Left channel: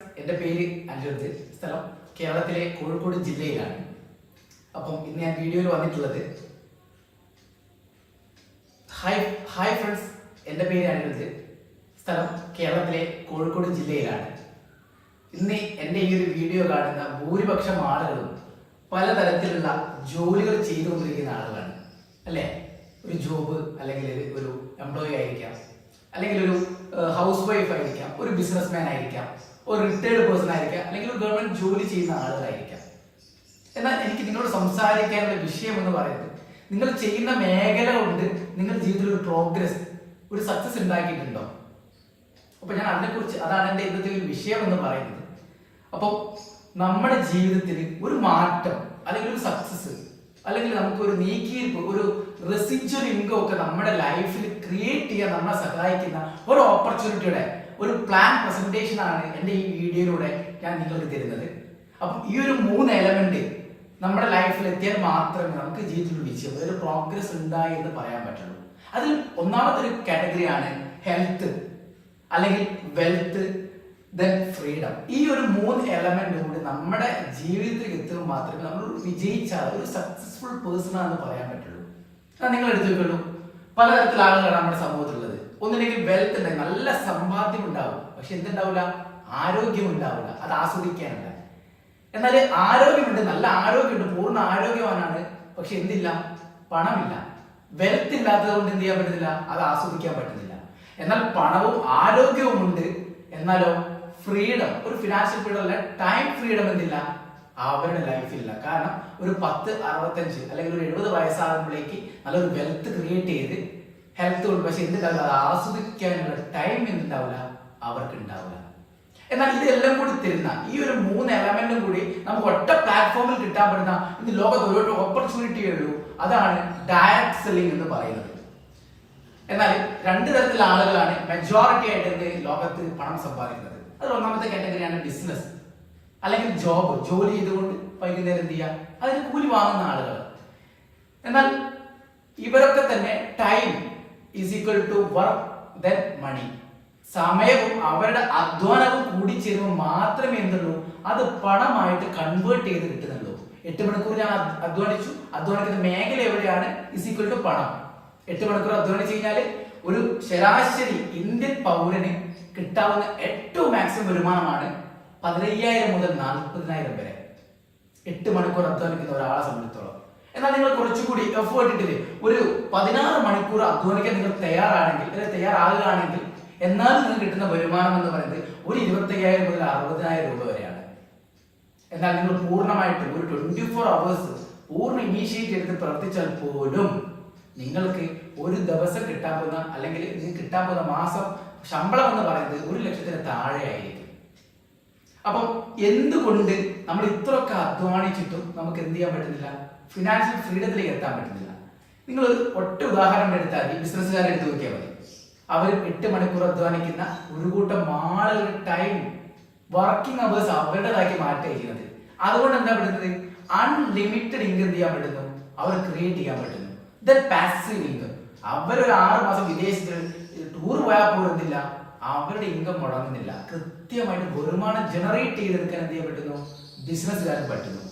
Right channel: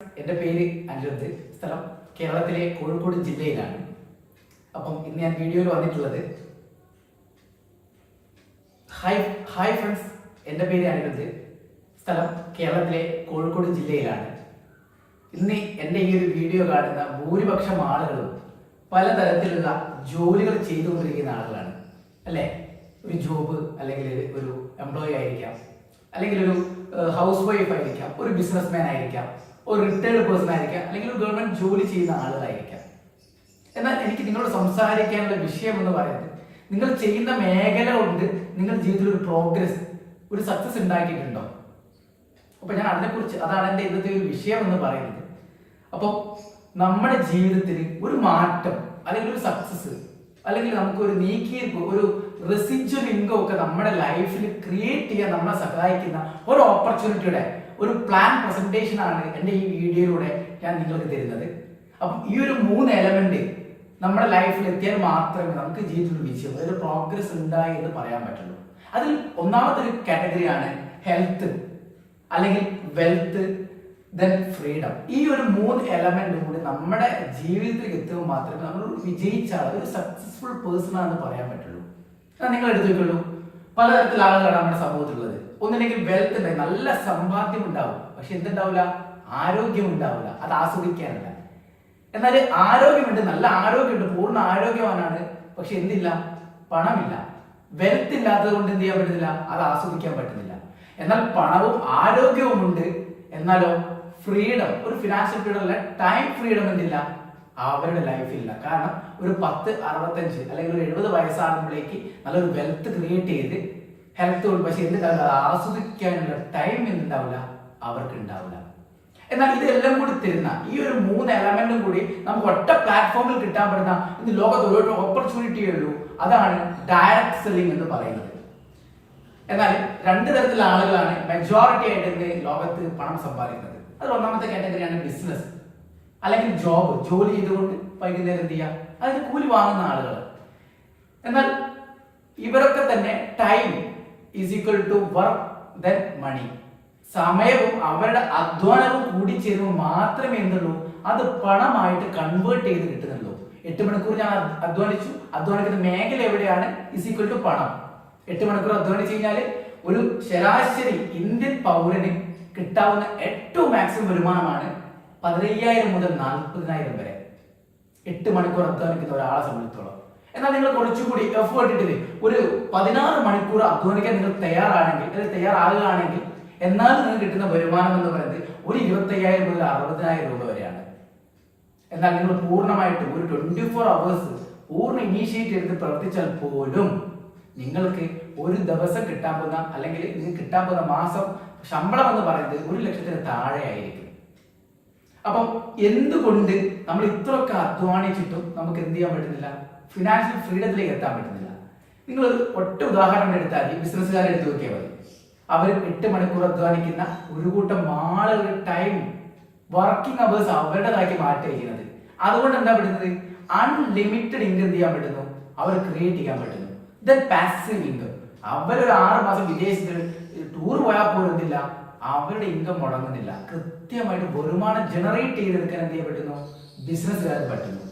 എൻ്റെ പേര് അനിരുദ്ധ്. സ്ഥലം കേരളത്തിലെ കോഴിക്കോട് ജില്ലയിലാണ്. അപ്പം ഇന്ന് ഞാൻ വീഡിയോയിൽ വന്നിട്ടുള്ളത് ഹായ് ഫ്രണ്ട്സ്, എൻ്റെ പേര് അനിരുദ്ധ്. സ്ഥലം കേരളത്തിലെ കോഴിക്കോട് ജില്ലയിലാണ്. ഇന്ന് എൻ്റെ ഈ ഒരു വീഡിയോ കാണുന്ന ഭൂരിപക്ഷം ആളുകളും പലതരത്തിലുള്ള ജോലികൾ ചെയ്തുകൊണ്ടിരിക്കുന്ന ആളുകളാണ് അല്ലേ? ഒരു ജോബ് അല്ലെങ്കിൽ ഒരു എംപ്ലോയി ആയിരിക്കാം, അല്ലെങ്കിൽ ഒരു ഹൗസ് വൈഫ് ആയിരിക്കാം, ഒരു ബിസിനസ്മാൻ ആയിരിക്കാം, ഒരു റിട്ടയർഡ് പേഴ്സൺ ആയിരിക്കാം, അല്ലെങ്കിൽ ഒരു ഗവൺമെന്റ് ജോലി ചെയ്യുന്ന ആളുകളായിരിക്കാം. എന്നാൽ എനിക്ക് നിങ്ങളോട് സംസാരിക്കാനുള്ള വിഷയം എന്ന് പറയുന്നത്, നിങ്ങൾ ചെയ്യുന്ന മേഖല കൊണ്ട് നിങ്ങളുടെ ജീവിതത്തിൽ ഒരു പ്രോഗ്രസ്, ഒരു സക്സസ് ഉണ്ടാക്കിയിട്ടുണ്ടോ? അപ്പൊ ഞാൻ അതാണ് എൻ്റെ ഇന്നത്തെ ഒരു വിഷയം എന്ന് പറയുന്നത്. അപ്പോൾ നമ്മുടെ ജീവിതത്തിൽ ഒരു മാറ്റം അല്ലെങ്കിൽ ഒരു സക്സസ് അല്ലെങ്കിൽ നമുക്ക് ഒരു നീക്കിയിരിപ്പ്, ഒരു റെസിജ്വൽ ഇൻകം ഒക്കെ നമ്മുടെ ലൈഫിൽ ക്രിയേറ്റ് ചെയ്യാൻ നമ്മളെ സഹായിക്കുന്ന ഒരു ഓപ്പർച്യൂണിറ്റിയുടെ ഒരു പ്ലാൻ പ്രസന്റേഷൻ ആണ് എൻ്റെ ഈ വീഡിയോയിലൂടെ ഞാൻ നിങ്ങൾക്ക് തരുന്നത്. അപ്പം ഈ ഒരു 3 എലമെന്റ് നമ്മുടെ ലൈഫിൽ എത്തിയാൽ മാത്രമേ നമുക്ക് ജീവിതത്തിൽ വിജയം, അതൊരു പ്രോഗ്രസ് ഉണ്ടായി എന്ന് പറയാൻ പറ്റുള്ളൂ. അതിൽ ഒന്നാമത്തെ ഒരു കാറ്റഗറിയാണ് ഹെൽത്ത്, അല്ലെങ്കിൽ വെൽത്ത്, ദെൻ ഫ്രീഡം. ഈ ഒരു 3 എലമെന്റ് കൂടി നമ്മുടെ ജീവിതത്തിൽ എത്തുമ്പോൾ മാത്രമേ നമ്മൾ വിജയിച്ച ഒരു സക്സസ്ഫുൾ പേഴ്സൺ ആണെന്ന് പറയാൻ പറ്റുള്ളൂ. നിങ്ങൾ എടുത്തു വെക്കുള്ളൂ, പലതരത്തിലുള്ള ആളുകളാണ് നമ്മുടെ സമൂഹത്തിലുള്ളത്. ഒന്നില്ലെങ്കിൽ വെൽത്ത് ഉണ്ടായി, നല്ല സമ്പാദ്യം ഉണ്ടാവും, പക്ഷെ എന്തുണ്ടാവില്ല, ആരോഗ്യം ഉണ്ടാവില്ല, അത് ആസ്വദിക്കാനില്ല. എന്നാൽ ആരോഗ്യമുണ്ട്, നല്ല ആരോഗ്യമുണ്ട്, പൂർണ്ണ ആരോഗ്യവാനാണ്, പക്ഷെ എന്തില്ല, പണമില്ല. വെൽത്ത് ഇല്ലാത്തത് കൊണ്ട് എന്ത് ചെയ്യാൻ പറ്റുന്നില്ല, അത് ആസ്വദിക്കാൻ പറ്റുന്നില്ല. എന്നാൽ പണവും ആരോഗ്യവും ഉണ്ട്, എന്നാലോ ഫ്രീഡം, ഒരു ഫിനാൻഷ്യൽ ഫ്രീഡം അല്ല, ടൈം ഫ്രീഡം എന്തില്ല, അവരുടെ ലൈഫില്ല. കാരണം ഒരു 10, 65 അല്ലെങ്കിൽ ഒരു 70 വയസ്സാകുമ്പോഴേക്ക് നല്ലൊരു വെൽത്ത് ക്രിയേറ്റ് ചെയ്ത് ഹെൽത്ത് കൊണ്ട്, പക്ഷെ എന്തുണ്ടാവില്ല, അത് ആസ്വദിക്കാനുള്ള ടൈം എന്തുണ്ടാവില്ല, അവർക്ക് ഉണ്ടാവില്ല. എന്നാൽ ഇതെല്ലാം കൂടി തരുന്ന ഈ ഒരു 3 എലമെന്റും കൂടി നമുക്ക് ഒറ്റ പ്ലാറ്റ്ഫോമിൽ കിട്ടാൻ പറ്റുന്ന ഇന്ന് ലോകത്ത് ഒരു ഓപ്പർച്യൂണിറ്റിയേ ഉള്ളൂ, അതാണ് ഡയറക്ട് സെല്ലിംഗ് എന്ന് പറയുന്നത്. എന്നാൽ 2 തരത്തിലുള്ള ആളുകളാണ് മെജോറിറ്റി ആയിട്ട് ലോകത്ത് പണം സമ്പാദിക്കുന്നത്. അതിൽ ഒന്നാമത്തെ കാറ്റഗറിയാണ് ബിസിനസ്, അല്ലെങ്കിൽ ജോലി ചെയ്തുകൊണ്ട് വൈകുന്നേരം എന്ത് ചെയ്യുക, അതിന് കൂലി വാങ്ങുന്ന ആളുകൾ. എന്നാൽ ഇവരൊക്കെ തന്നെ time is equal to work then money. സമയവും അവരുടെ അധ്വാനവും കൂടി ചേരുമ്പോൾ മാത്രമേ എന്തുള്ളൂ, അത് പണമായിട്ട് കൺവേർട്ട് ചെയ്ത് കിട്ടുന്നുള്ളൂ. 8 മണിക്കൂർ ഞാൻ അധ്വാനിക്കുന്ന മേഖല എവിടെയാണ്, ഈസ് ഈക്വൽ ടു പണം. 8 മണിക്കൂർ അധ്വാനിച്ചു കഴിഞ്ഞാൽ ഒരു ശരാശരി ഇന്ത്യൻ പൗരന് കിട്ടാവുന്ന ഏറ്റവും മാക്സിമം വരുമാനമാണ് 15,000 മുതൽ 40,000 വരെ 8 മണിക്കൂർ അധ്വാനിക്കുന്ന ഒരാളെ സംബന്ധിച്ചോളം. എന്നാൽ നിങ്ങൾ കുറച്ചുകൂടി എഫേർട്ട് ഇട്ടിട്ട് ഒരു 16 മണിക്കൂർ അധ്വാനിക്കാൻ നിങ്ങൾ തയ്യാറാകുകയാണെങ്കിൽ എന്നാൽ നിങ്ങൾക്ക് കിട്ടുന്ന വരുമാനം എന്ന് പറയുന്നത് ഒരു 25,000 മുതൽ 60,000 രൂപ വരെയാണ്. എന്നാൽ നിങ്ങൾ പൂർണ്ണമായിട്ട് ഒരു 24 അവേഴ്സ് പൂർണ്ണ ഇനീഷ്യേറ്റ് എടുത്ത് പ്രവർത്തിച്ചാൽ പോലും നിങ്ങൾക്ക് ഒരു ദിവസം കിട്ടാൻ പോകുന്ന, അല്ലെങ്കിൽ നിങ്ങൾക്ക് കിട്ടാൻ പോകുന്ന മാസം ശമ്പളം എന്ന് പറയുന്നത് 1,00,000 താഴെ ആയിരിക്കും. അപ്പം എന്തുകൊണ്ട് നമ്മൾ ഇത്രയൊക്കെ അധ്വാനിച്ചിട്ടും നമുക്ക് എന്ത് ചെയ്യാൻ പറ്റുന്നില്ല, ഫിനാൻഷ്യൽ ഫ്രീഡത്തിലേക്ക് എത്താൻ പറ്റുന്നില്ല? നിങ്ങൾ ഒറ്റ ഉദാഹരണം എടുത്താൽ ഈ ബിസിനസ്സുകാരെ എടുത്ത് നോക്കിയാൽ മതി. അവർ 8 മണിക്കൂർ അധ്വാനിക്കുന്ന ഒരു കൂട്ടം ആളുകളുടെ ടൈം, വർക്കിംഗ് അവേഴ്സ് അവരുടേതാക്കി മാറ്റുകയാണ്. അതുകൊണ്ട് എന്താ പറ്റുന്നത്, അൺലിമിറ്റഡ് ഇൻകം എന്ത് ചെയ്യാൻ പറ്റുന്നു, അവർ ക്രിയേറ്റ് ചെയ്യാൻ പറ്റുന്നു. ദെൻ പാസീവ് ഇൻകം, അവരൊരു 6 മാസം വിദേശത്ത് ടൂർ പോയാൽ പോലും എന്തില്ല, അവരുടെ ഇൻകം മുടങ്ങുന്നില്ല. കൃത്യമായിട്ട് വരുമാനം ജനറേറ്റ് ചെയ്തെടുക്കാൻ എന്ത് ചെയ്യാൻ പറ്റുന്നു, ബിസിനസ്സുകാർക്ക് പറ്റുന്നു.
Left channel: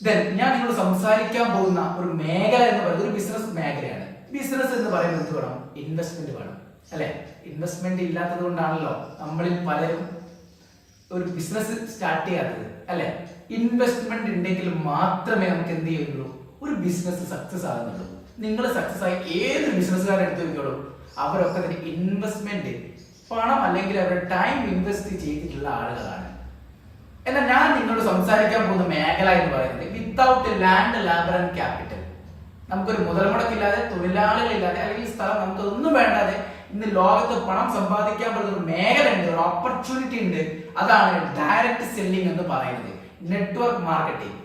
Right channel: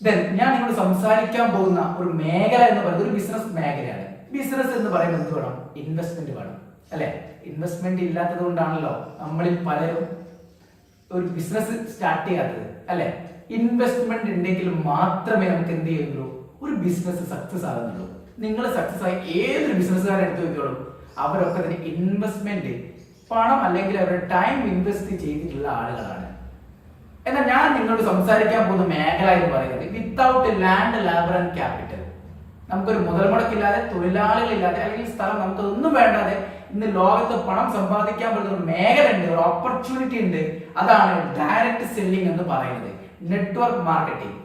ദെൻ ഞാൻ നിങ്ങൾ സംസാരിക്കാൻ പോകുന്ന ഒരു മേഖല എന്ന് പറയുന്നത് ഒരു ബിസിനസ് മേഖലയാണ്. ബിസിനസ് എന്ന് പറയുന്നത് എന്ത് വേണം, ഇൻവെസ്റ്റ്മെന്റ് വേണം അല്ലെ? ഇൻവെസ്റ്റ്മെന്റ് ഇല്ലാത്തത് കൊണ്ടാണല്ലോ നമ്മളിൽ പലരും ഒരു ബിസിനസ് സ്റ്റാർട്ട് ചെയ്യാത്തത് അല്ലെ? ഇൻവെസ്റ്റ്മെന്റ് ഉണ്ടെങ്കിൽ മാത്രമേ നമുക്ക് എന്ത് ചെയ്യുള്ളൂ, ഒരു ബിസിനസ് സക്സസ് ആകുന്നുള്ളൂ. നിങ്ങൾ സക്സസ് ആയി ഏതൊരു ബിസിനസ്സുകാരെ എടുത്തു നോക്കിയോളൂ, അവരൊക്കെ തന്നെ ഇൻവെസ്റ്റ്മെന്റ്, പണം അല്ലെങ്കിൽ അവരുടെ ടൈം ഇൻവെസ്റ്റ് ചെയ്തിട്ടുള്ള ആളുകളാണ്. എന്നാൽ ഞാൻ നിങ്ങളോട് സംസാരിക്കാൻ പോകുന്ന മേഖല എന്ന് പറയുന്നത് without land, labour and capital. നമുക്കൊരു മുതൽ മുടക്കില്ലാതെ, തൊഴിലാളികളില്ലാതെ, അല്ലെങ്കിൽ സ്ഥലം, നമുക്ക് ഒന്നും വേണ്ടാതെ ഇന്ന് ലോകത്ത് പണം സമ്പാദിക്കാൻ പറ്റുന്ന ഒരു മേഖല ഉണ്ട്, ഒരു ഓപ്പർച്യൂണിറ്റി ഉണ്ട്. അതാണ് ഡയറക്ട് സെല്ലിംഗ് എന്ന് പറയുന്നത്, നെറ്റ്വർക്ക് മാർക്കറ്റിംഗ്.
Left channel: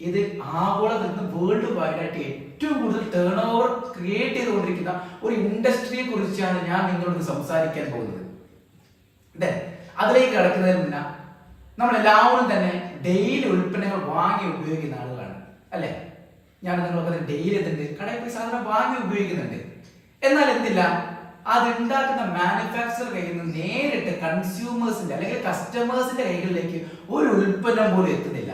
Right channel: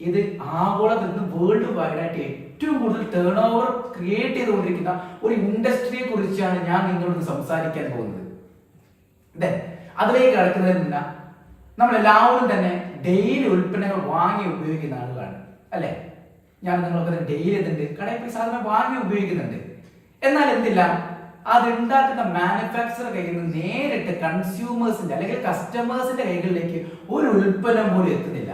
ഇത് ആഗോളത്തിൽ നിന്ന് വേൾഡ് വൈഡ് ആയിട്ട് ഏറ്റവും കൂടുതൽ ടേൺ ഓവർ ക്രിയേറ്റ് ചെയ്തുകൊണ്ടിരിക്കുന്ന ഒരു ഇൻഡസ്ട്രിയെ കുറിച്ചാണ് ഞാൻ നിങ്ങളോട് സംസാരിക്കാൻ പോകുന്നത്. അതിലേക്ക് കടക്കുന്നതിന് മുന്നേ നമ്മളെല്ലാവരും തന്നെ ഡെയിലി ഉൽപ്പന്നങ്ങൾ വാങ്ങി ഉപയോഗിക്കുന്ന ആളുകളാണ് അല്ലെ? ഞാൻ നിങ്ങളൊക്കെ ഡെയിലി എന്തുണ്ട്, കടയിൽ പോയി സാധനം വാങ്ങി ഉപയോഗിക്കുന്നുണ്ട്. എന്നാൽ എന്തില്ല, അത് ഉണ്ടാക്കുന്ന മാനുഫാക്ചർ കയ്യിൽ നിന്ന് നേരിട്ട് കൺസ്യൂമേഴ്സിന്റെ അല്ലെങ്കിൽ കസ്റ്റമേഴ്സിന്റെ കൈകളിലേക്ക് ഒരു ഉൽപ്പന്നം പോലും എത്തുന്നില്ല.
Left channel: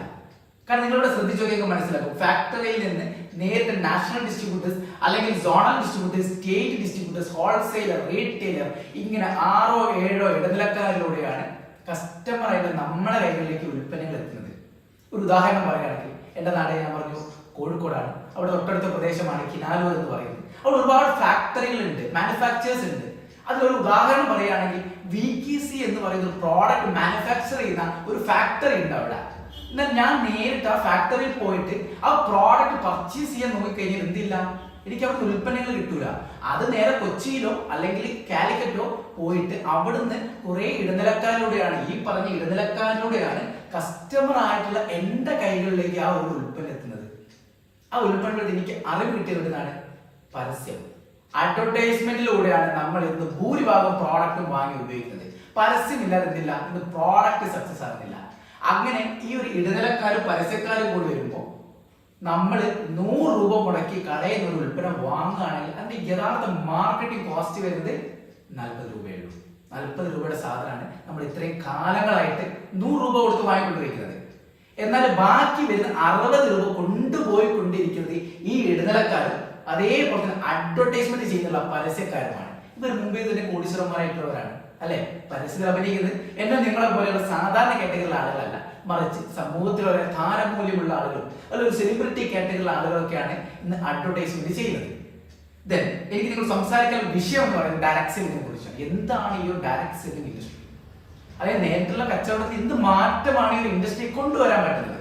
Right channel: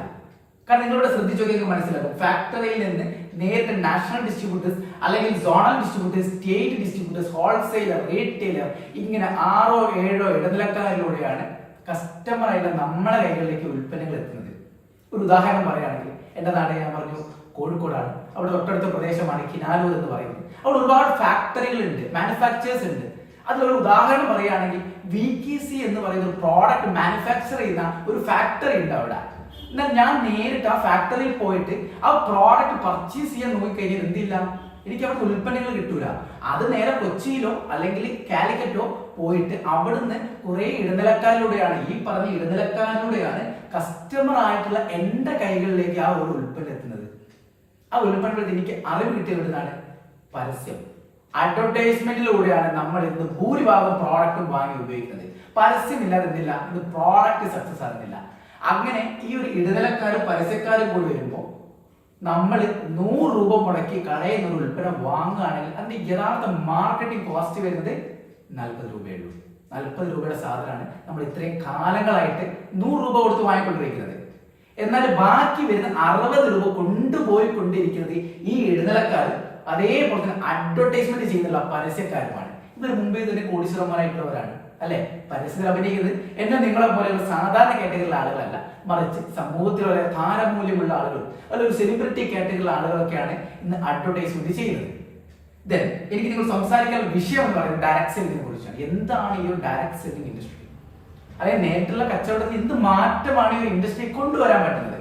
കാരണം നിങ്ങളിവിടെ ശ്രദ്ധിച്ചു നോക്കിയാൽ മനസ്സിലാക്കും, ഫാക്ടറിയിൽ നിന്ന് നേരിട്ട് നാഷണൽ ഡിസ്ട്രിബ്യൂട്ടേഴ്സ് അല്ലെങ്കിൽ zonal distributors, state distributors, wholesaler, retailer, ഇങ്ങനെ 6-7 ഇടനിലക്കാരിലൂടെയാണ് കസ്റ്റമറായിട്ട് നമ്മുടെ കൈകളിലേക്ക് ഉൽപ്പന്നങ്ങൾ എത്തുന്നത്. ഒരു ഉദാഹരണം പറയുകയാണെങ്കിൽ, എന്റെ നാട് ഞാൻ പറഞ്ഞു കോഴിക്കോടാണ്. അവിടെ തൊട്ടടുത്ത പ്രദേശമാണ് കിനാലൂർ എന്ന് പറയുന്നത്. അവിടെ ഒരുപാട് ഫാക്ടറികളുണ്ട്, മാനുഫാക്ചേഴ്സ് ഉണ്ട്. അതിലൊരു ഉദാഹരണം പറയുകയാണെങ്കിൽ VKC എന്ന് പറയുന്ന ഒരു പ്രോഡക്റ്റ് മാനുഫാക്ചർ ചെയ്യുന്ന ഒരു ഫാക്ടറി ഉണ്ട് അവിടെ. എന്നാൽ ഞാൻ നേരിട്ട് ആ ഫാക്ടറിയിൽ പോയിട്ട് ആ പ്രോഡക്റ്റ് പർച്ചേസ് ചെയ്യാൻ നോക്കിക്കഴിഞ്ഞാൽ എന്തില്ല, എനിക്ക് അവിടെ ഉൽപ്പന്നങ്ങൾ കിട്ടൂല. അത് നേരെ കൊച്ചിയിലോ അല്ലെങ്കിൽ കാലിക്കറ്റോ പോയിട്ട് അവിടുന്ന് കുറെ ഇടനിലക്കാരിലൂടെയാണ്, ഈ പറഞ്ഞ ഇടനിലക്കാരിലൂടെയാണ് കസ്റ്റമർ ആയിട്ടുള്ള എന്റെ കൈകളിലേക്ക് ആ ഒരു ഉൽപ്പന്നം എത്തുന്നത്. ആ ഉൽപ്പന്നത്തിൽ എനിക്ക് അറിവ് കിട്ടിയതാണ് പരസ്യം. അഡ്വർടൈസ്മെന്റിലൂടെയാണ് നമ്മൾ ഇന്ന് ഭൂരിഭാഗം പ്രോഡക്റ്റും വാങ്ങി ഉപയോഗിക്കുന്നത്. പരസ്യമില്ലാതെ എന്തില്ല, ഇന്ന് പ്രോഡക്റ്റ് സക്സസ് ആകുന്നില്ല. അങ്ങനെ ഈ ഒരു ഇടനിലക്കാരും പരസ്യക്കാരും കൂടി വരുമ്പോൾ നമ്മൾ 100 രൂപ മുടക്കി കടയിൽ നിന്ന് ഒരു ഉൽപ്പന്നം വാങ്ങുകയാണെങ്കിൽ അതിന്റെ യഥാർത്ഥ മാർക്കറ്റിംഗ് കോസ്റ്റ് വരുന്നത് 40 രൂപയുള്ളൂ. 40 രൂപയുടെ സാധനമാണ് നമ്മൾ ഇത്രയും കാലങ്ങളായിട്ട് 100 രൂപ കൊടുത്ത് വാങ്ങിക്കൊണ്ടിരിക്കുന്നത്. എന്നാൽ ബാക്കി വരുന്ന 60 രൂപ കൊണ്ടുപോയിക്കൊണ്ടിരിക്കുന്നത് ഈ ഇടനിലക്കാരും അതേപോലെ തന്നെ അഡ്വർടൈസ്മെന്റ് ചെയ്യുന്നുള്ള പരസ്യക്കാരുമാണ്. ഇവർ മുംബൈ തന്നെ കോടീശ്വരന്മാരായിട്ടുള്ളവരാണ് അല്ലെ. പരസ്യത്തിൽ അഭിനയിക്കുന്നത് എന്നെ നിങ്ങളെ പോലെയുള്ള സാധാരണ കാറ്റഗറിയിലുള്ള ആളുകളല്ല, മറിച്ച് സമൂഹത്തിലുള്ള താരമൂല്യമുള്ള ആളുകൾ അല്ലെങ്കിൽ ഒരു സെലിബ്രിറ്റി കാറ്റഗറിയിലുള്ള ആളുകളൊക്കെയാണ് ഇന്ന് അഡ്വർടൈസ്മെന്റ് ചെയ്യുന്നത്. ദെൻ എനിക്ക് നിങ്ങൾ സംസാരിക്കാൻ വിഷയം എന്ന് പറയുന്നത് ഡയറക്ട് സെല്ലിങ്ങിനെ കുറിച്ചാണ്. എന്താണ് ഈ ഒരു ഡയറക്ട് സെല്ലിംഗ് ഇൻഡസ്ട്രി? അതായത് നേരിട്ടുള്ള കച്ചവടത്തിൽ എന്ത് മാറ്റമാണ് ഈ ഒരു ഇൻഡസ്ട്രി കൊണ്ടുവരാൻ പറ്റുന്നത്?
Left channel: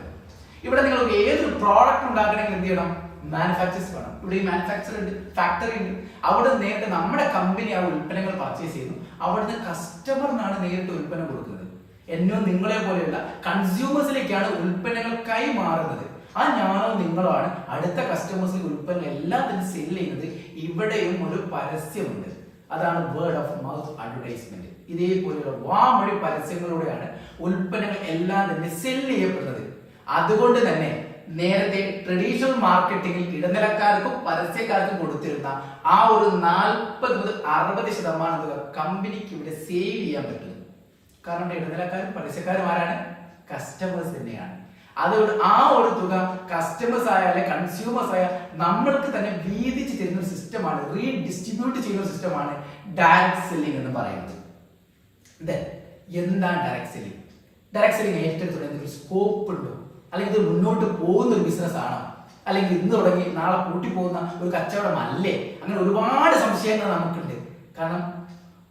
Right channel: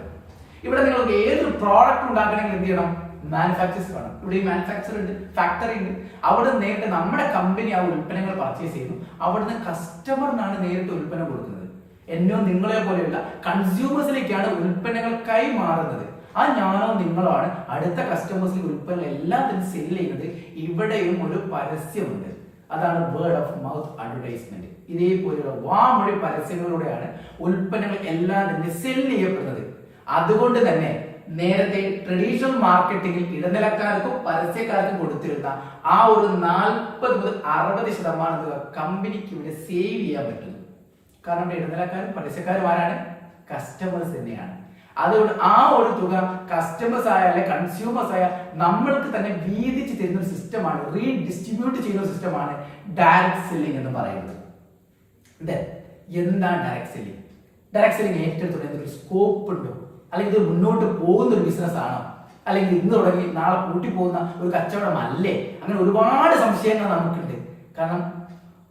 ഇവിടെ നിങ്ങൾക്ക് ഏതൊരു പ്രോഡക്റ്റ് ഉണ്ടാക്കണമെങ്കിൽ എന്ത് ചെയ്യണം? മാനുഫാക്ചേഴ്സ് വേണം. ഇവിടെ ഈ മാനുഫാക്ചർ ഉണ്ട്, ഫാക്ടറി ഉണ്ട്. അവിടെ നേരിട്ട് നമ്മുടെ കമ്പനി ആ ഉൽപ്പന്നങ്ങൾ പർച്ചേസ് ചെയ്യുന്നു. അവിടുന്ന് കസ്റ്റമറിനാണ് നേരിട്ട് ഉൽപ്പന്നം കൊടുക്കുന്നത്. എന്നോ നിങ്ങളെ പോലെയുള്ള കൺസ്യൂമേഴ്സിലേക്കാണ് ഉൽപ്പന്നങ്ങൾ കൈമാറുന്നത്. ആ ഞാനോ നിങ്ങളോ ആണ് അടുത്ത കസ്റ്റമേഴ്സിൽ ഉൽപ്പന്നങ്ങൾ എല്ലാം തന്നെ സെല് ചെയ്യുന്നത്. ഇവിടെയും ഒരു പരസ്യമുണ്ട്, അതാണ് വേർഡ് ഓഫ് മൗത്ത് അഡ്വർടൈസ്മെന്റ്. ഇതേപോലെയുള്ള വാമൊഴി പരസ്യങ്ങളിലൂടെയാണ് ഉൽപ്പന്നങ്ങൾ എല്ലാം തന്നെ സെല് ചെയ്യപ്പെടുന്നത്. അതുകൊണ്ട് തന്നെ നേരത്തെ ട്രഡീഷണൽ മാർക്കറ്റിംഗിൽ ഇടനിലക്കാർക്കും പരസ്യക്കാർക്കും കൊടുത്തിരുന്ന ആ ഒരു 40 മുതൽ 60% തുക കമ്പനിക്ക് ഇവിടെ സേവ് ചെയ്യാൻ പറ്റും. കാരണം ഇടനിലക്കാരും പരസ്യക്കാരും ആരാണ്? കസ്റ്റമേഴ്സ് തന്നെയാണ്. അതുകൊണ്ട് ആ ഒരു തുക കസ്റ്റമേഴ്സ് ആയ അല്ലെ കൺസ്യൂമേഴ്സ് ആയ നമ്മൾക്ക് തന്നെ വീതിച്ച് തരുന്ന ഒരു സിസ്റ്റമാണ്, റീഡിസ്ട്രിബ്യൂട്ട് ചെയ്യുന്ന ഒരു സിസ്റ്റമാണ് ഡയറക്ട് സെല്ലിംഗ് എന്ന് പറയുന്നത്. എന്താണ് ഡയറക്ട് സെല്ലിംഗ്? ഡയറക്ട് സെല്ലിംഗ് ഏറ്റെടുത്തുള്ള എന്തൊരു സ്കോപ്പ് ഉണ്ടോ? അല്ലെങ്കിൽ ഇത് മുന്നോട്ട് പോകുന്ന ഒരു ബിസിനസ് ആണോ? അല്ലെങ്കിൽ ഇന്ന് തുടങ്ങി നാളെ കൂട്ടി പോകുന്ന ഒരു കച്ചവടം അല്ലേ? അങ്ങനെ ഒരുപാട് സംശയങ്ങൾ നമുക്കുണ്ട്. കാരണം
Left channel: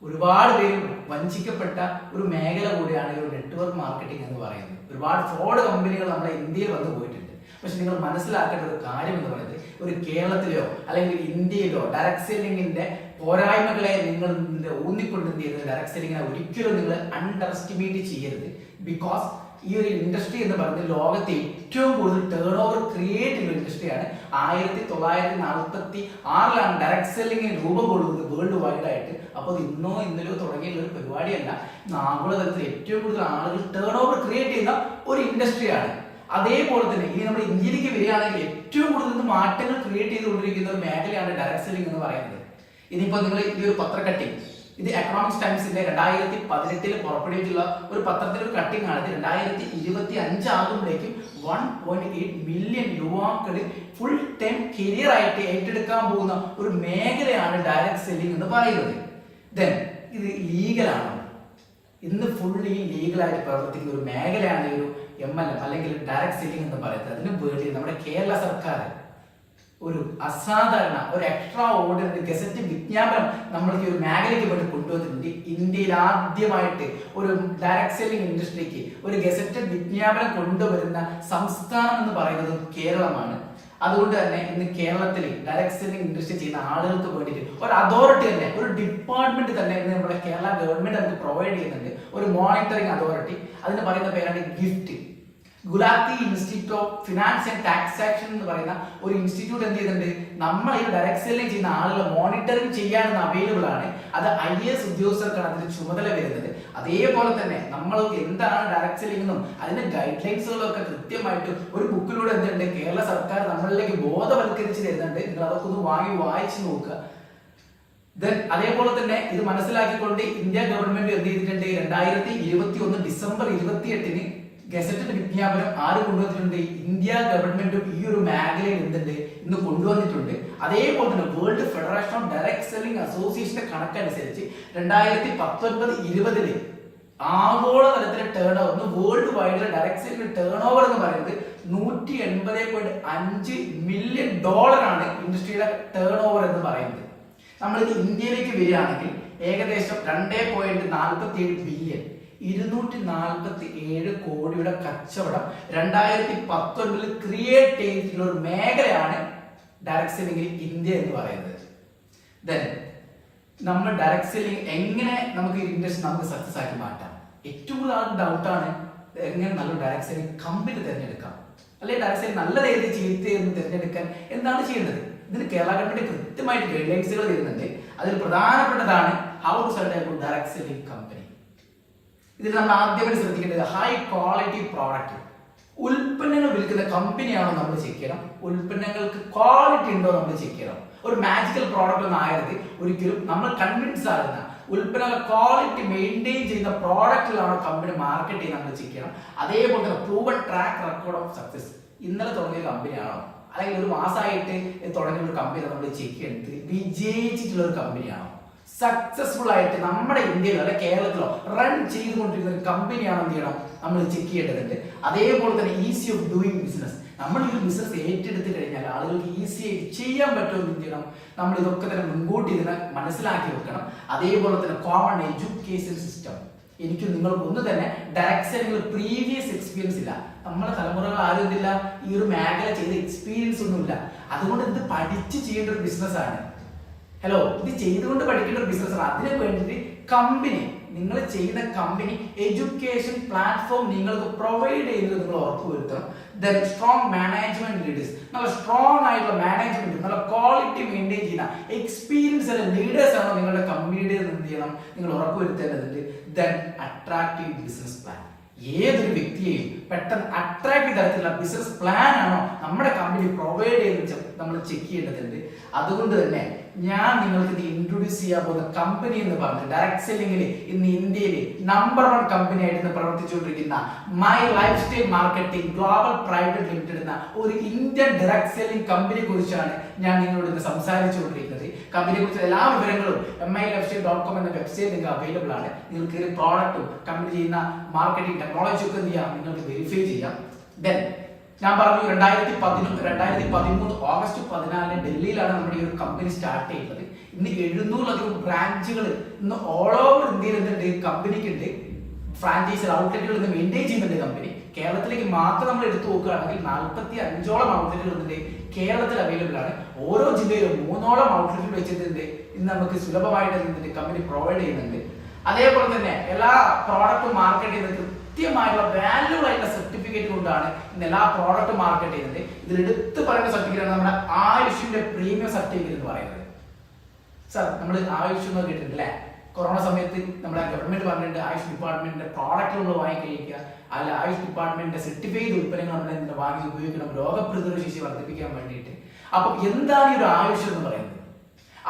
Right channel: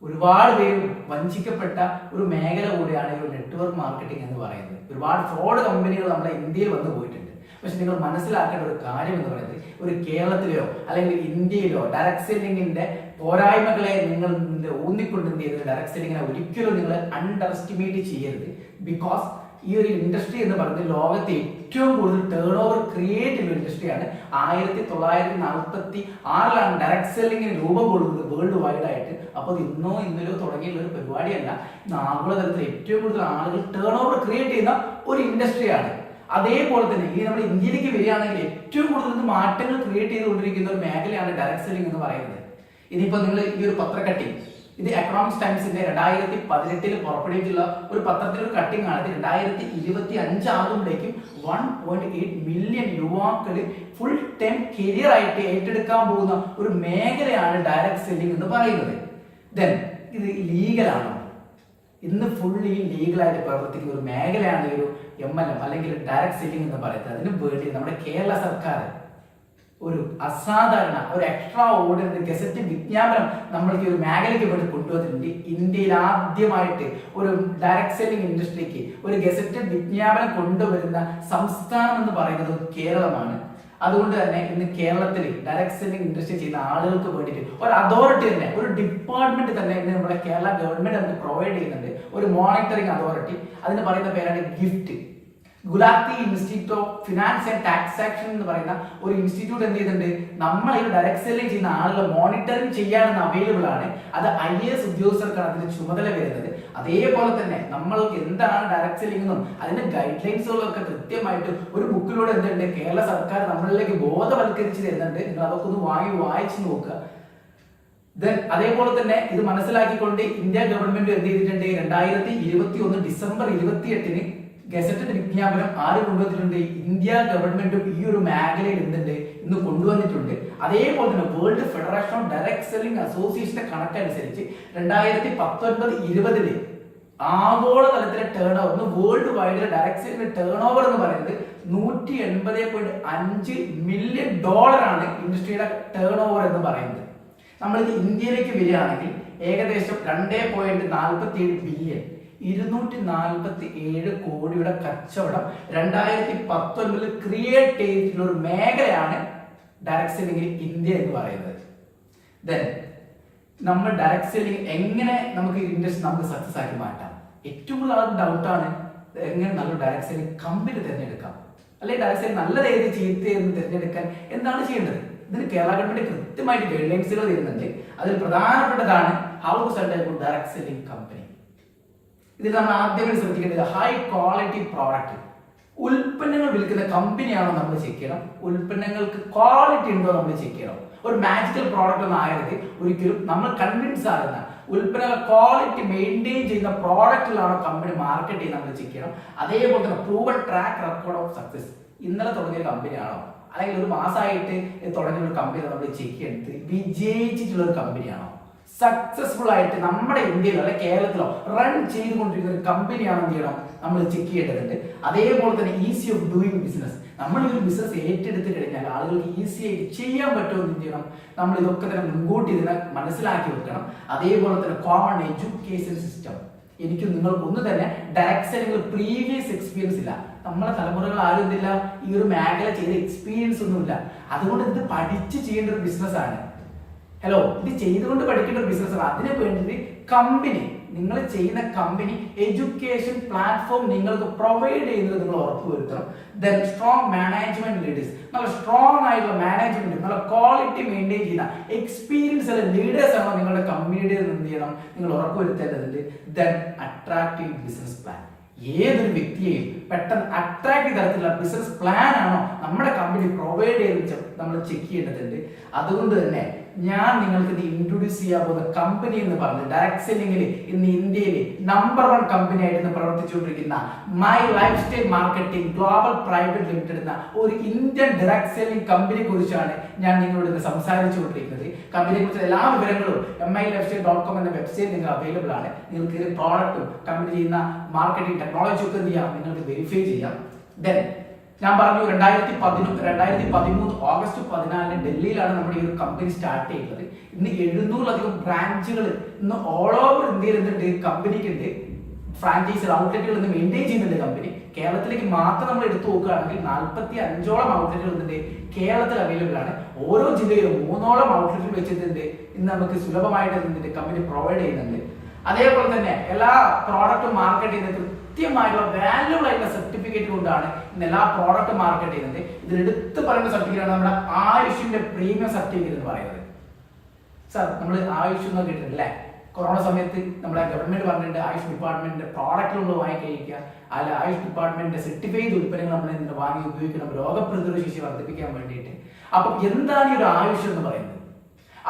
ഒരുപാട് പേര് വഞ്ചിക്കപ്പെട്ട ഒരു മേഖല കൂടിയാണ് ഈ ഒരു നെറ്റ്വർക്ക് മാർക്കറ്റിംഗ് എന്ന് പറയുന്നത്. ഒരുപാട് ഫ്രോഡ് കമ്പനികൾ നമ്മുടെ ഇന്ത്യയിൽ വന്നു പോയിട്ടുണ്ട്. പക്ഷെ നിങ്ങൾ മനസ്സിലാക്കേണ്ട ഒരു കാര്യം എന്ന് പറയുന്നത്, ഒരു കേരളത്തിലെയോ അല്ലെങ്കിൽ ഇന്ത്യയിലോ ഡയറക്ട് സെല്ലിംഗിന്റെ പോരായ്മകളെ നിങ്ങൾ ഊന്നിക്കൊണ്ട് എന്ത് ചെയ്തത്? ഡയറക്ട് സെല്ലിങ്ങിനെ ഒരിക്കലും നിങ്ങൾ അണ്ടർ എസ്റ്റിമേറ്റ് ചെയ്യരുത്. ബിക്കോസ് ഈ ഒരു ഇൻഡസ്ട്രി എന്ന് പറയുന്നത് ലോകത്തെ ഏറ്റവും കൂടുതൽ ടേൺ ഓവർ ക്രിയേറ്റ് ചെയ്യുന്ന ഇൻഡസ്ട്രിയാണ്. 1946 ഡയറക്ട് സെല്ലിംഗിന് രൂപം കൊള്ളുന്നത് വേൾഡ് വൈഡ് ആയിട്ട്. അപ്പോൾ ഇന്നോ ഇന്നലെയോ തുടങ്ങിയുള്ള ഒരു പരിപാടിയല്ല. ആഗോളതലത്തിൽ ഏറ്റവും കൂടുതൽ ആളുകൾ ടേൺ ഓവർ ക്രിയേറ്റ് ചെയ്യുന്ന ഒരു ഇൻഡസ്ട്രിയാണ്. അതേപോലെ തന്നെ ഇനി നമ്മുടെ ഇന്ത്യയിലേക്ക് വരികയാണെങ്കിൽ ഏറ്റവും കൂടുതൽ മാറ്റങ്ങൾ ക്രിയേറ്റ് ചെയ്തുകൊണ്ടിരിക്കുന്ന ഒരു മേഖലയാണ് ഡയറക്ട് സെല്ലിംഗ് എന്ന് പറയുന്നത്. ഇനിയിപ്പോ നിങ്ങൾ ഈ ഒരു പത്രക്കട്ടിങ്, ഇത് എക്കണോമിക്സ് ടൈംസിന്റെ 2018 പുറപ്പെടുവിച്ചുള്ള ഒരു പത്രത്തിലെ ഒരു കട്ടിംഗ് ആണ്. 2025 ആകുമ്പോഴേക്കും 1.8 മില്യൺ യുവാക്കള് ഫുൾ ടൈം കരിയർ ആയിട്ട് ഏറ്റെടുക്കാൻ പോകുന്ന ഒരു മേഖലയാണ് ഡയറക്ട് സെല്ലിംഗ് എന്ന് പറയുന്നത്. ദെൻ ഇത് ലീഗലാണോ? ഇന്ന് ഫുള്ളി ലീഗലായിട്ട് പ്രവർത്തിക്കുന്ന ഒരു മേഖലയാണ് ഒരു MLM അല്ലെങ്കിൽ ഡയറക്ട് സെല്ലിംഗ് എന്ന് പറയുന്നത്. അതിന് വേണ്ടി നമ്മുടെ കേരള സർക്കാർ ഒരു അസാധാരണ ഒരു എക്സ്ട്രാ ഓർഡിനറി ഗസറ്റ് വിജ്ഞാപനം നമ്മൾക്ക് ഒരു മേഖലയ്ക്ക് വേണ്ടി കൊണ്ടുവന്നിട്ടുണ്ട്. ഇന്ത്യയിൽ ആദ്യമായിട്ട് ഒരു ഡയറക്ട് സെല്ലിംഗ് ഇൻഡസ്ട്രിക്ക് ഒരു ഗസറ്റ് വിജ്ഞാപനം കൊണ്ടുവരുന്ന സംസ്ഥാനം എന്ന് പറയുന്നത് കേരളമാണ്. അതുകൊണ്ട് തന്നെ ഇന്ന് കേരളത്തിൽ ഡയറക്ട് സെല്ലിംഗ് ഇൻഡസ്ട്രി ചെയ്യുന്ന ആളുകൾക്ക് വേണ്ടിയിട്ട് ഒരു അതോറിറ്റി തന്നെ, ഒരു ഡിപ്പാർട്ട്മെന്റ് തന്നെ ഇന്ന് നമ്മുടെ കേരള ഗവൺമെന്റ് നമുക്ക് പ്രൊവൈഡ് ചെയ്യുന്നുണ്ട്. ഒരു മോണിറ്ററിംഗ് അതോറിറ്റി. അതിന് പറയുന്ന പേരാണ് GIFT. Gulati institute of finance and taxation എന്ന് പറയുന്ന ഒരു ഇൻസ്റ്റിറ്റ്യൂട്ട് എന്ത് ചെയ്യുന്നുണ്ട്? നമ്മൾ ഈ ഡയറക്ട് സെല്ലിംഗ് ചെയ്യുന്ന ആളുകൾ മോണിറ്ററിംഗ് ചെയ്യാനെന്ന് അവൈലബിൾ ആണ്. അത് IAS ഉദ്യോഗസ്ഥർക്കാണ് അതിന്റെ ചുമതല വരുന്നത്. അതേപോലെ തന്നെ നമ്മൾക്ക് എന്താണ് ഡയറക്ട് സെല്ലിംഗ് എന്നും അതിന്റെ ഗൈഡ് ലൈൻസുകളും ഒക്കെ കൃത്യമായിട്ട് ഒരു ബുക്കിലൂടെ എന്തുണ്ട് കേരള സർക്കാർ നമ്മളിലേക്ക് ബോധവൽക്കരിച്ച് തരുന്നുണ്ട്. നിങ്ങൾ അതൊക്കെ ഒന്ന് വായിച്ചു നോക്കുക. അതേപോലെ തന്നെ ഇത് മനസ്സിലാക്കിക്കൊണ്ട് ഇന്ത്യ ഗവൺമെന്റ് എന്ത് ചെയ്തിട്ടുണ്ട്, 2021 ഡിസംബർ 28 ഗസറ്റഡ് വിജ്ഞാപനം ആര് കൊണ്ടുവന്നിട്ടുണ്ട്, ഇന്ത്യ ഗവൺമെന്റും ഈ ഒരു മേഖലയിൽ എന്തുണ്ട് ഇന്ന് കൊണ്ടുവന്നിട്ടുണ്ട്. അതേപോലെ തന്നെ world federation of direct selling അസോസിയേഷന്റെ കണക്കനുസരിച്ച് 2019-20 ആഗോള തലത്തിലെ ടേൺ ഓവർ, വേൾഡ് വൈഡിലെ ഡയറക്ട് സെല്ലിംഗ് ടേൺ ഓവർ എന്ന് പറയുന്നത് $180.5 മില്യൺ ആണ് ഇൻഡസ്ട്രിയുടെ ടേൺ ഓവർ എന്ന് പറയുന്നത്. നമ്മളിത് ഇന്ത്യയിലേക്ക് വരികയാണെങ്കിൽ ഏകദേശം 2.47 ബില്യൺ 247 കോടിയുടെ കച്ചവടം 2019 ക്രിയേറ്റ് ചെയ്തിട്ടുള്ള ഒരു മേഖലയാണ് ഡയറക്ട് സെല്ലിംഗിൽ ഇന്ത്യ എന്ന് പറയുന്നത്. നമ്മൾ ഡയറക്ട് സെല്ലിംഗ് എങ്ങനെ നമുക്ക് ഇൻഡസ്ട്രി നമുക്ക് സക്സസ് ആക്കി മാറ്റാം? ഏറ്റവും കൂടുതൽ ഡൗട്ടാണ് എങ്ങനെ നല്ലൊരു ഡയറക്ട് സെല്ലിംഗ് കമ്പനി തിരഞ്ഞെടുക്കാം, അല്ലെങ്കിൽ ഡയറക്ട് സെല്ലിംഗ് നല്ലത് ഏത് ചീത്തയെന്ന് തിരഞ്ഞെടുക്കാൻ എന്താണ് ചെയ്യേണ്ടത്? ഇതിന് കേരള ഗവൺമെന്റ് കൃത്യമായിട്ട് ഗൈഡ് ലൈൻസുകൾ തരുന്നുണ്ട്. അതിൽ പ്രധാനപ്പെട്ടതാണ് how to select a good direct selling company. ഇതിൽ നമ്മൾ ആദ്യമായിട്ട് ശ്രദ്ധിക്കേണ്ടത് ഹൈ ക്വാളിറ്റി പ്രോഡക്റ്റ്. ഉൽപ്പന്നങ്ങൾ വിൽക്കുന്ന കമ്പനിയാണോ നമ്മൾ ചെക്ക് ചെയ്യണം, ഉൽപ്പന്നങ്ങൾക്ക് ക്വാളിറ്റി ഉണ്ടോ നമ്മൾ ചെക്ക് ചെയ്യണം. ഒരു മാജിക്കൽ പ്രോഡക്റ്റ് ഒന്നും ആയത് ഒരിക്കലും നമ്മൾ കൺവിൻസ് ആകുന്ന ഉൽപ്പന്നങ്ങളുടെ ക്വാളിറ്റി മെയിൻറ്റെയിൻ ചെയ്യുന്ന പ്രോഡക്റ്റിലാണോ കമ്പനി മാർക്കറ്റ് ചെയ്യുന്നത് നമ്മൾ ചെക്ക് ചെയ്യണം. അതേപോലെ തന്നെ proven track record of success. ഇന്നലെ തുടങ്ങിയ കമ്പനിയാണോ, അല്ലെങ്കിൽ ഒരു മാസമായിട്ട് തുടങ്ങിയ ഒരു കമ്പനി നമ്മൾ ചെക്ക് ചെയ്തിട്ട് വിജയിച്ചിട്ടുള്ള ഒരു കമ്പനിയാണോ, സക്സസ്ഫുൾ ആയിട്ട് നമ്മുടെ ഇന്ത്യയിലോ അല്ലെ കേരളത്തിലോ റൺ ചെയ്തുകൊണ്ടിരിക്കുന്ന ഒരു കമ്പനിയാണോ എന്ത് ചെയ്യണം നമ്മൾ ചെക്ക് ചെയ്യേണ്ടതുണ്ട്. അതേപോലെ തന്നെ ഈസി ഓഫ് ഡൂയിങ് ബിസിനസ്. നമ്മൾ ഈ ബിസിനസ് ഏറ്റെടുത്ത് കഴിഞ്ഞാൽ ആളുകൾക്ക് ഈസി ആയിട്ട് ചെയ്യാൻ പറ്റുമെന്ന് എന്ത് ചെയ്യണം, നമ്മൾ ഇതൊക്കെ തന്നെ മുൻകൂട്ടി ഇതിനെ മനസ്സിലാക്കി വെക്കണം. അതേപോലെ തന്നെ കോമൺ എഡ്യൂക്കേഷൻ സിസ്റ്റം. എനിക്കും നിങ്ങൾക്ക് ഒന്നും തന്നെ ഡയറക്ട് സെല്ലിംഗ് പ്രീവിയസ് എക്സ്പീരിയൻസ് ഇല്ല. നമ്മളെ തലമുറകൾ ആരും എന്തില്ല ഈ ഒരു മേഖല ചെയ്ത എക്സ്പീരിയൻസ് ഒന്നുമില്ല. അതുകൊണ്ട് ഇത് പഠിച്ച് ചെയ്യേണ്ട ഒരു ബിസിനസ്സാണ്. ഹലോ, ഇത് ചെയ്തുകൊണ്ട് പഠിക്കേണ്ട ഒരു ബിസിനസ്സാണ്. അതിന് വേണ്ടിയിട്ട് കമ്പനി, നിങ്ങൾ ചെയ്യുന്ന കമ്പനി എഡ്യൂക്കേഷൻ പ്ലാറ്റ്ഫോം നിങ്ങൾക്ക് പ്രൊവൈഡ് ചെയ്യുന്നത് നിങ്ങൾ ഉറപ്പുവരുത്തണം. ദെൻ സ്ട്രോങ് മാനേജ്മെന്റ് ലീഡേഴ്സ്, നല്ല സ്ട്രോങ് ആയിട്ടുള്ള മാനേജ്മെന്റ്, നല്ല ക്വാളിറ്റി മെയിൻറ്റെയിൻ ചെയ്യുന്ന എക്സ്പീരിയൻസ് ഉള്ള ലീഡേഴ്സ് ആണോ നിങ്ങളുടെ കമ്പനിയുടെ എന്ത് ചെയ്യണം നിങ്ങൾ ഉറപ്പുവരുത്തേണ്ടതുണ്ട്. Then attractive business plan. ഏതൊരു വ്യക്തിയെയും പെട്ടെന്ന് അട്രാക്ട് തരത്തിലുള്ള ബിസിനസ് പ്ലാൻ ആണോ നമ്മുടെ കമ്പനി പ്രൊവൈഡ് ചെയ്ത് നമ്മൾ ചെക്ക് ചെയ്യേണ്ടതുണ്ട്. അതുകൊണ്ട് തന്നെ ഞാൻ നിങ്ങൾക്ക് ഇത് ഇൻട്രൊഡ്യൂസ് ചെയ്യാൻ പോകുന്ന കമ്പനി എന്ന് പറഞ്ഞത് ഡയറക്ട് സെല്ലിംഗിൽ ഇന്ന് ഇന്ത്യയിൽ നമ്പർ 1 കമ്പനി ആയിട്ട് പ്രവർത്തിച്ചുകൊണ്ടിരിക്കുന്ന my lifestyle marketing global private limited എന്ന ഒരു ഇന്ത്യൻ ഡയറക്ട് സെല്ലിംഗ് കമ്പനിയെ കുറിച്ചാണ് ഞാൻ നിങ്ങളോട് ഇന്ന് സംസാരിച്ചുകൊണ്ടിരിക്കുന്നത്. കമ്പനിയെ കുറിച്ച് എല്ലാ വിവരങ്ങളും milifestyle.com എന്ന വെബ്സൈറ്റ് നിങ്ങൾക്ക് അവൈലബിൾ ആണ്. നിങ്ങൾക്ക് പ്രോഡക്റ്റും കമ്പനി ചെയ്യുന്ന മാർക്കറ്റിംഗ് ടെക്നോളജി ഒക്കെ എന്ത് ചെയ്യാം, നിങ്ങൾക്ക് വെരിഫൈ ചെയ്യാം. ദെൻ ഞാൻ പറഞ്ഞു 2013 ഓഗസ്റ്റ് 14 ഡൽഹിയിലാണ് നമ്മുടെ ഈ ഒരു കമ്പനി സ്റ്റാർട്ട് ചെയ്യുന്നത്. ഇന്ന് 700-ലധികം ബ്രാഞ്ചുകൾ ഇന്ന് ഓൾ ഓവർ ഇന്ത്യയിൽ എന്തുണ്ട് കമ്പനിക്ക് ഉണ്ട്. ഫ്രാഞ്ചൈസി ഔട്ട്ലെറ്റുകൾ ഇന്ന് മെയിൻറ്റെയിൻ ചെയ്യുന്നുണ്ട് കമ്പനി. കേരളത്തിലേക്ക് മാത്രം നമ്മൾ എടുത്തു നോക്കുകയാണെങ്കിൽ 45-ഓളം ഔട്ട്ലെറ്റുകൾ ഉണ്ട് കേരളത്തിൽ അവൈലബിൾ ആണ്. ഓരോ ജില്ലയിലും 3ഓളം ഔട്ട്ലെറ്റുകൾ വെച്ചിട്ടുണ്ട് ഇന്ന് നമുക്ക് സുലഭമായിട്ട് എന്തുണ്ട് കമ്പനി പ്രൊവൈഡ് ചെയ്യുന്നുണ്ട്. അതേപോലെ തന്നെ എല്ലാ പ്രോഡക്റ്റും മാർക്കറ്റ് ചെയ്യുന്നത് കൃത്യമായിട്ടുള്ള വാല്യൂബിൾ ആയിട്ടുള്ള സർട്ടിഫിക്കറ്റ് കൊണ്ടാണ് ഇന്ന് എല്ലാ പ്രോഡക്റ്റും മാർക്കറ്റ് ചെയ്യുന്നത്. ഇതിൽ എടുത്ത് പറയുന്ന സർട്ടിഫിക്കറ്റ് ആണ് നമ്മുടെ ആയുഷിന്റെ പ്രീമിയം സർട്ടിഫിക്കറ്റ് എന്ന് പറയുന്നത്. സാർ, നമ്മൾ ആയുഷ് എന്ന് കേട്ടിട്ടുണ്ട് അല്ലേ? കൊറോണ സമയത്ത് നമ്മുടെ ഗവൺമെന്റ് പറഞ്ഞിട്ടുണ്ട് ആയുഷ് ഡിപ്പാർട്ട്മെന്റിന്റെ പ്രോഡക്റ്റുകൾ നമ്മൾ വാങ്ങിക്കഴിക്കുക, അല്ല ആയുഷ് ഡിപ്പാർട്ട്മെന്റിന്റെ സർട്ടിഫൈ ചെയ്ത ഉൽപ്പന്നങ്ങൾ നമ്മൾ വാങ്ങി ഉപയോഗിക്കണം രോഗപ്രതിരോധ ശേഷി വർദ്ധിപ്പിക്കാൻ വേണ്ടിയിട്ട്. അപ്പം എന്താണ് ഈ ഒരു ആയുഷ് എന്ന് പറയുന്നത്?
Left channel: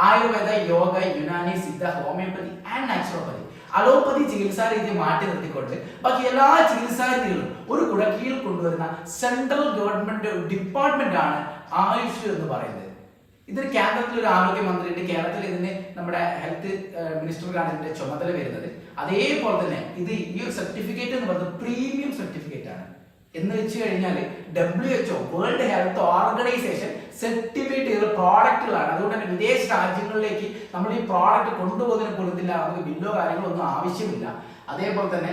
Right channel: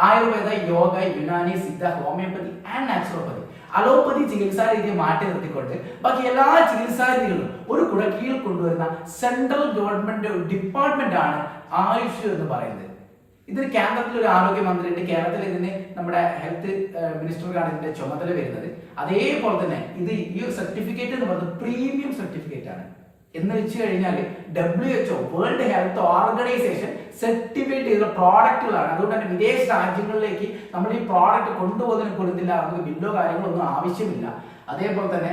Ayurveda, yoga, Unani, Siddha, homeopathy and naturopathy, allopathy ചികിത്സാ രീതി മാറ്റി നിർത്തിക്കൊണ്ട് ബാക്കി എല്ലാ ചികിത്സാ രീതികളും ഒരു കുടക്കീഴിൽ കൊണ്ടുവരുന്ന സെൻട്രൽ ഗവൺമെന്റ് ഡിപ്പാർട്ട്മെന്റ് ആണ് ആയുഷ് എന്ന് പറയുന്നത്. ഇതിന് കേന്ദ്രത്തിൽ ഒരു ആരോഗ്യമന്ത്രിയുണ്ട്, കേരളത്തിൽ ഇതിന് നമ്മുടെ ഹെൽത്ത് മിനിസ്റ്റർക്കാണ് ഇതിന്റെ ചുമതല വരുന്നത്. അതേപോലെ തന്നെ ഇത് ഈ ഒരു സർട്ടിഫിക്കറ്റ് എന്ന് പറയുന്നത് പ്രീമിയം സർട്ടിഫിക്കറ്റ് ആണ്. എന്ന് വെച്ച് കഴിഞ്ഞാൽ WHO world health organisation certified ചെയ്ത പ്രോഡക്റ്റുകളാണ്. അതുകൊണ്ട് തന്നെ വിദേശ രാജ്യങ്ങളിലേക്ക് നമ്മൾ ഈ പ്രോഡക്റ്റ് കൊണ്ടുപോകുന്നതിന് കൊടുത്തില്ല, നമുക്ക് ബില്ലോ കാര്യങ്ങളോ ഒന്നും ആവശ്യമില്ല. അതേപോലെ തന്നെ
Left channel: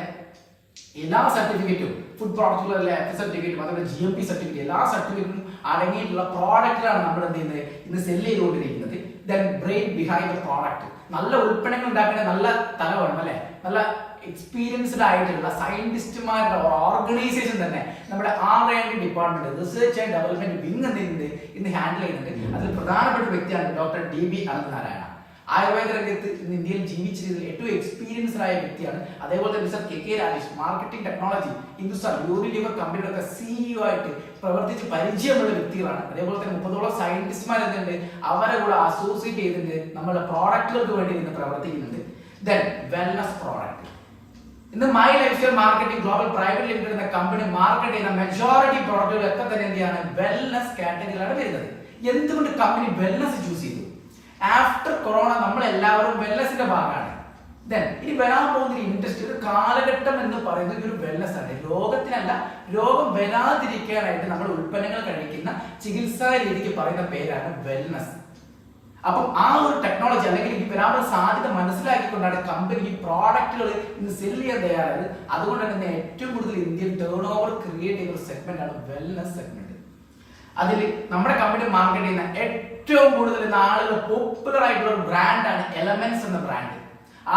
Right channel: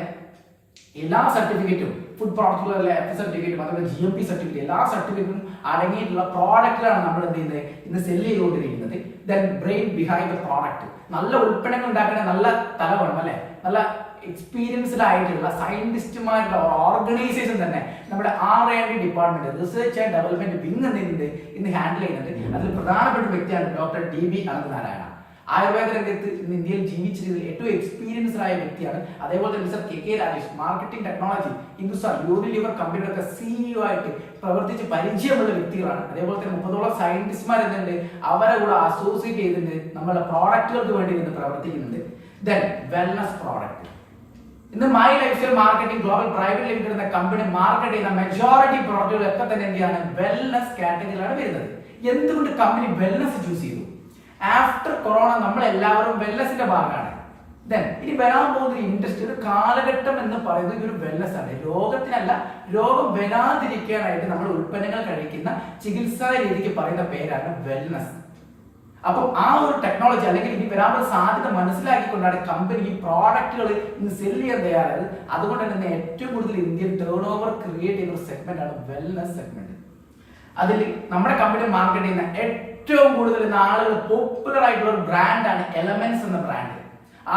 എല്ലാ സർട്ടിഫിക്കറ്റും ഫുഡ് പ്രോഡക്റ്റുകളിലെ സർട്ടിഫിക്കറ്റും അതുപോലെ GMP സർട്ടിഫിക്കറ്റ് എല്ലാ സർട്ടിഫിക്കറ്റും അടങ്ങിയിട്ടുള്ള പ്രോഡക്റ്റിലാണ് നമ്മൾ എന്ത് ചെയ്യുന്നത് ഇന്ന് സെല് ചെയ്തുകൊണ്ടിരിക്കുന്നത്. Then brain behind the product. നല്ല ഉൽപ്പന്നങ്ങൾ ഉണ്ടാക്കുന്ന നല്ല തല വേണം അല്ലെ, നല്ല എക്സ്പീരിയൻസ്ഡ് ആയിട്ടുള്ള സയന്റിസ്റ്റുമാരുടെ ഓർഗനൈസേഷൻ തന്നെ നമ്മുടെ R&D department research and development wing എന്ത് ചെയ്യുന്നുണ്ട് ഇന്ന് ഹാൻഡിൽ ചെയ്യുന്നുണ്ട്. അതിൽ പ്രധാനപ്പെട്ട വ്യക്തിയാണ് ഡോക്ടർ DB അനന്തനാരായണ. ആയുർവേദ രംഗത്ത് ഇന്ന് ഇന്ത്യയിൽ ജീവിച്ചിരുന്ന ഏറ്റവും എക്സ്പീരിയൻസ്ഡ് ആയ വ്യക്തിയാണ്. അതേപോലെ തന്നെ mister K Rajesh, marketing technology Hindustan Unilever കമ്പനിയുടെ ഒക്കെ സിഇഒ ആയിട്ട് പ്രവർത്തിച്ച് പരിചയമുള്ള വ്യക്തികളാണ്. അതേപോലെ തന്നെ 30ഓളം സയന്റിസ്റ്റ്മാർ എന്തുണ്ട്, അവരെ കൂടെ അസോസിയേറ്റ് ചെയ്തിട്ട് നമ്മുടെ പ്രോഡക്റ്റുകൾക്ക് വേണ്ടി ഇന്ന് പ്രവർത്തിക്കുന്നുണ്ട്. Then wellness product. ഇന്ന് my lifestyle marketing global private limited എന്ന കമ്പനി മാർക്കറ്റ് ചെയ്യുന്ന മെജോറിറ്റി പ്രോഡക്റ്റുകളൊക്കെ തന്നെ എന്ത് ചെയ്യാണ്, വെൽനസ് കാറ്റഗറിയിലാണ് വരുന്നത്. എന്തുകൊണ്ട് കമ്പനി വെൽനസ് ചൂസ് ചെയ്തു? ആഫ്റ്റർ കൊറോണ നമ്മൾ എല്ലാവരും വെൽനസിന്റെ ഭാഗമാണ്. ദെൻ ഇനി വരാൻ പോകുന്ന ഇൻഡസ്ട്രി, ഒരു കാലഘട്ടം എന്ന് പറയുന്നത് ഈ ഒരു വെൽനസ് ആണ്. രോഗത്തിനല്ല, രോഗം വരാതിരിക്കാനായിട്ട് നമ്മൾ ഉൽപ്പന്നങ്ങൾ കഴിക്കുന്ന ചികിത്സാ രീതിക്ക് പറയുന്ന പേരാണ് വെൽനസ്. അപ്പം ആ ഒരു ടെക്നോളജി അല്ലെങ്കിൽ ഇനി വരാനുള്ള സാധ്യത മനസ്സിലാക്കിക്കൊണ്ടാണ് കമ്പനി ഈ പ്രോഡക്റ്റുകൾ ഇന്ന് സെല് ചെയ്യാൻ തയ്യാറായത്. അതുകൊണ്ട് തന്നെ ഏറ്റവും കൂടുതൽ ഇന്ത്യൻ ടേൺ ഓവർ ക്രിയേറ്റ് ചെയ്യുന്ന ഒരു സെഗ്മെന്റ് ആണ് വെൽനസ് സെഗ്മെന്റ്. അതിൽ നമ്മുടെ കമ്പനി മാർക്കറ്റ് ചെയ്യുന്ന ഏറ്റവും കൂടുതൽ ഇന്ന് ആളുകൾ പോപ്പുലർ ആയിട്ടുള്ള ഒരു ബ്രാൻഡാണ് എലമെന്റ്സ് എന്ന ബ്രാൻഡ്.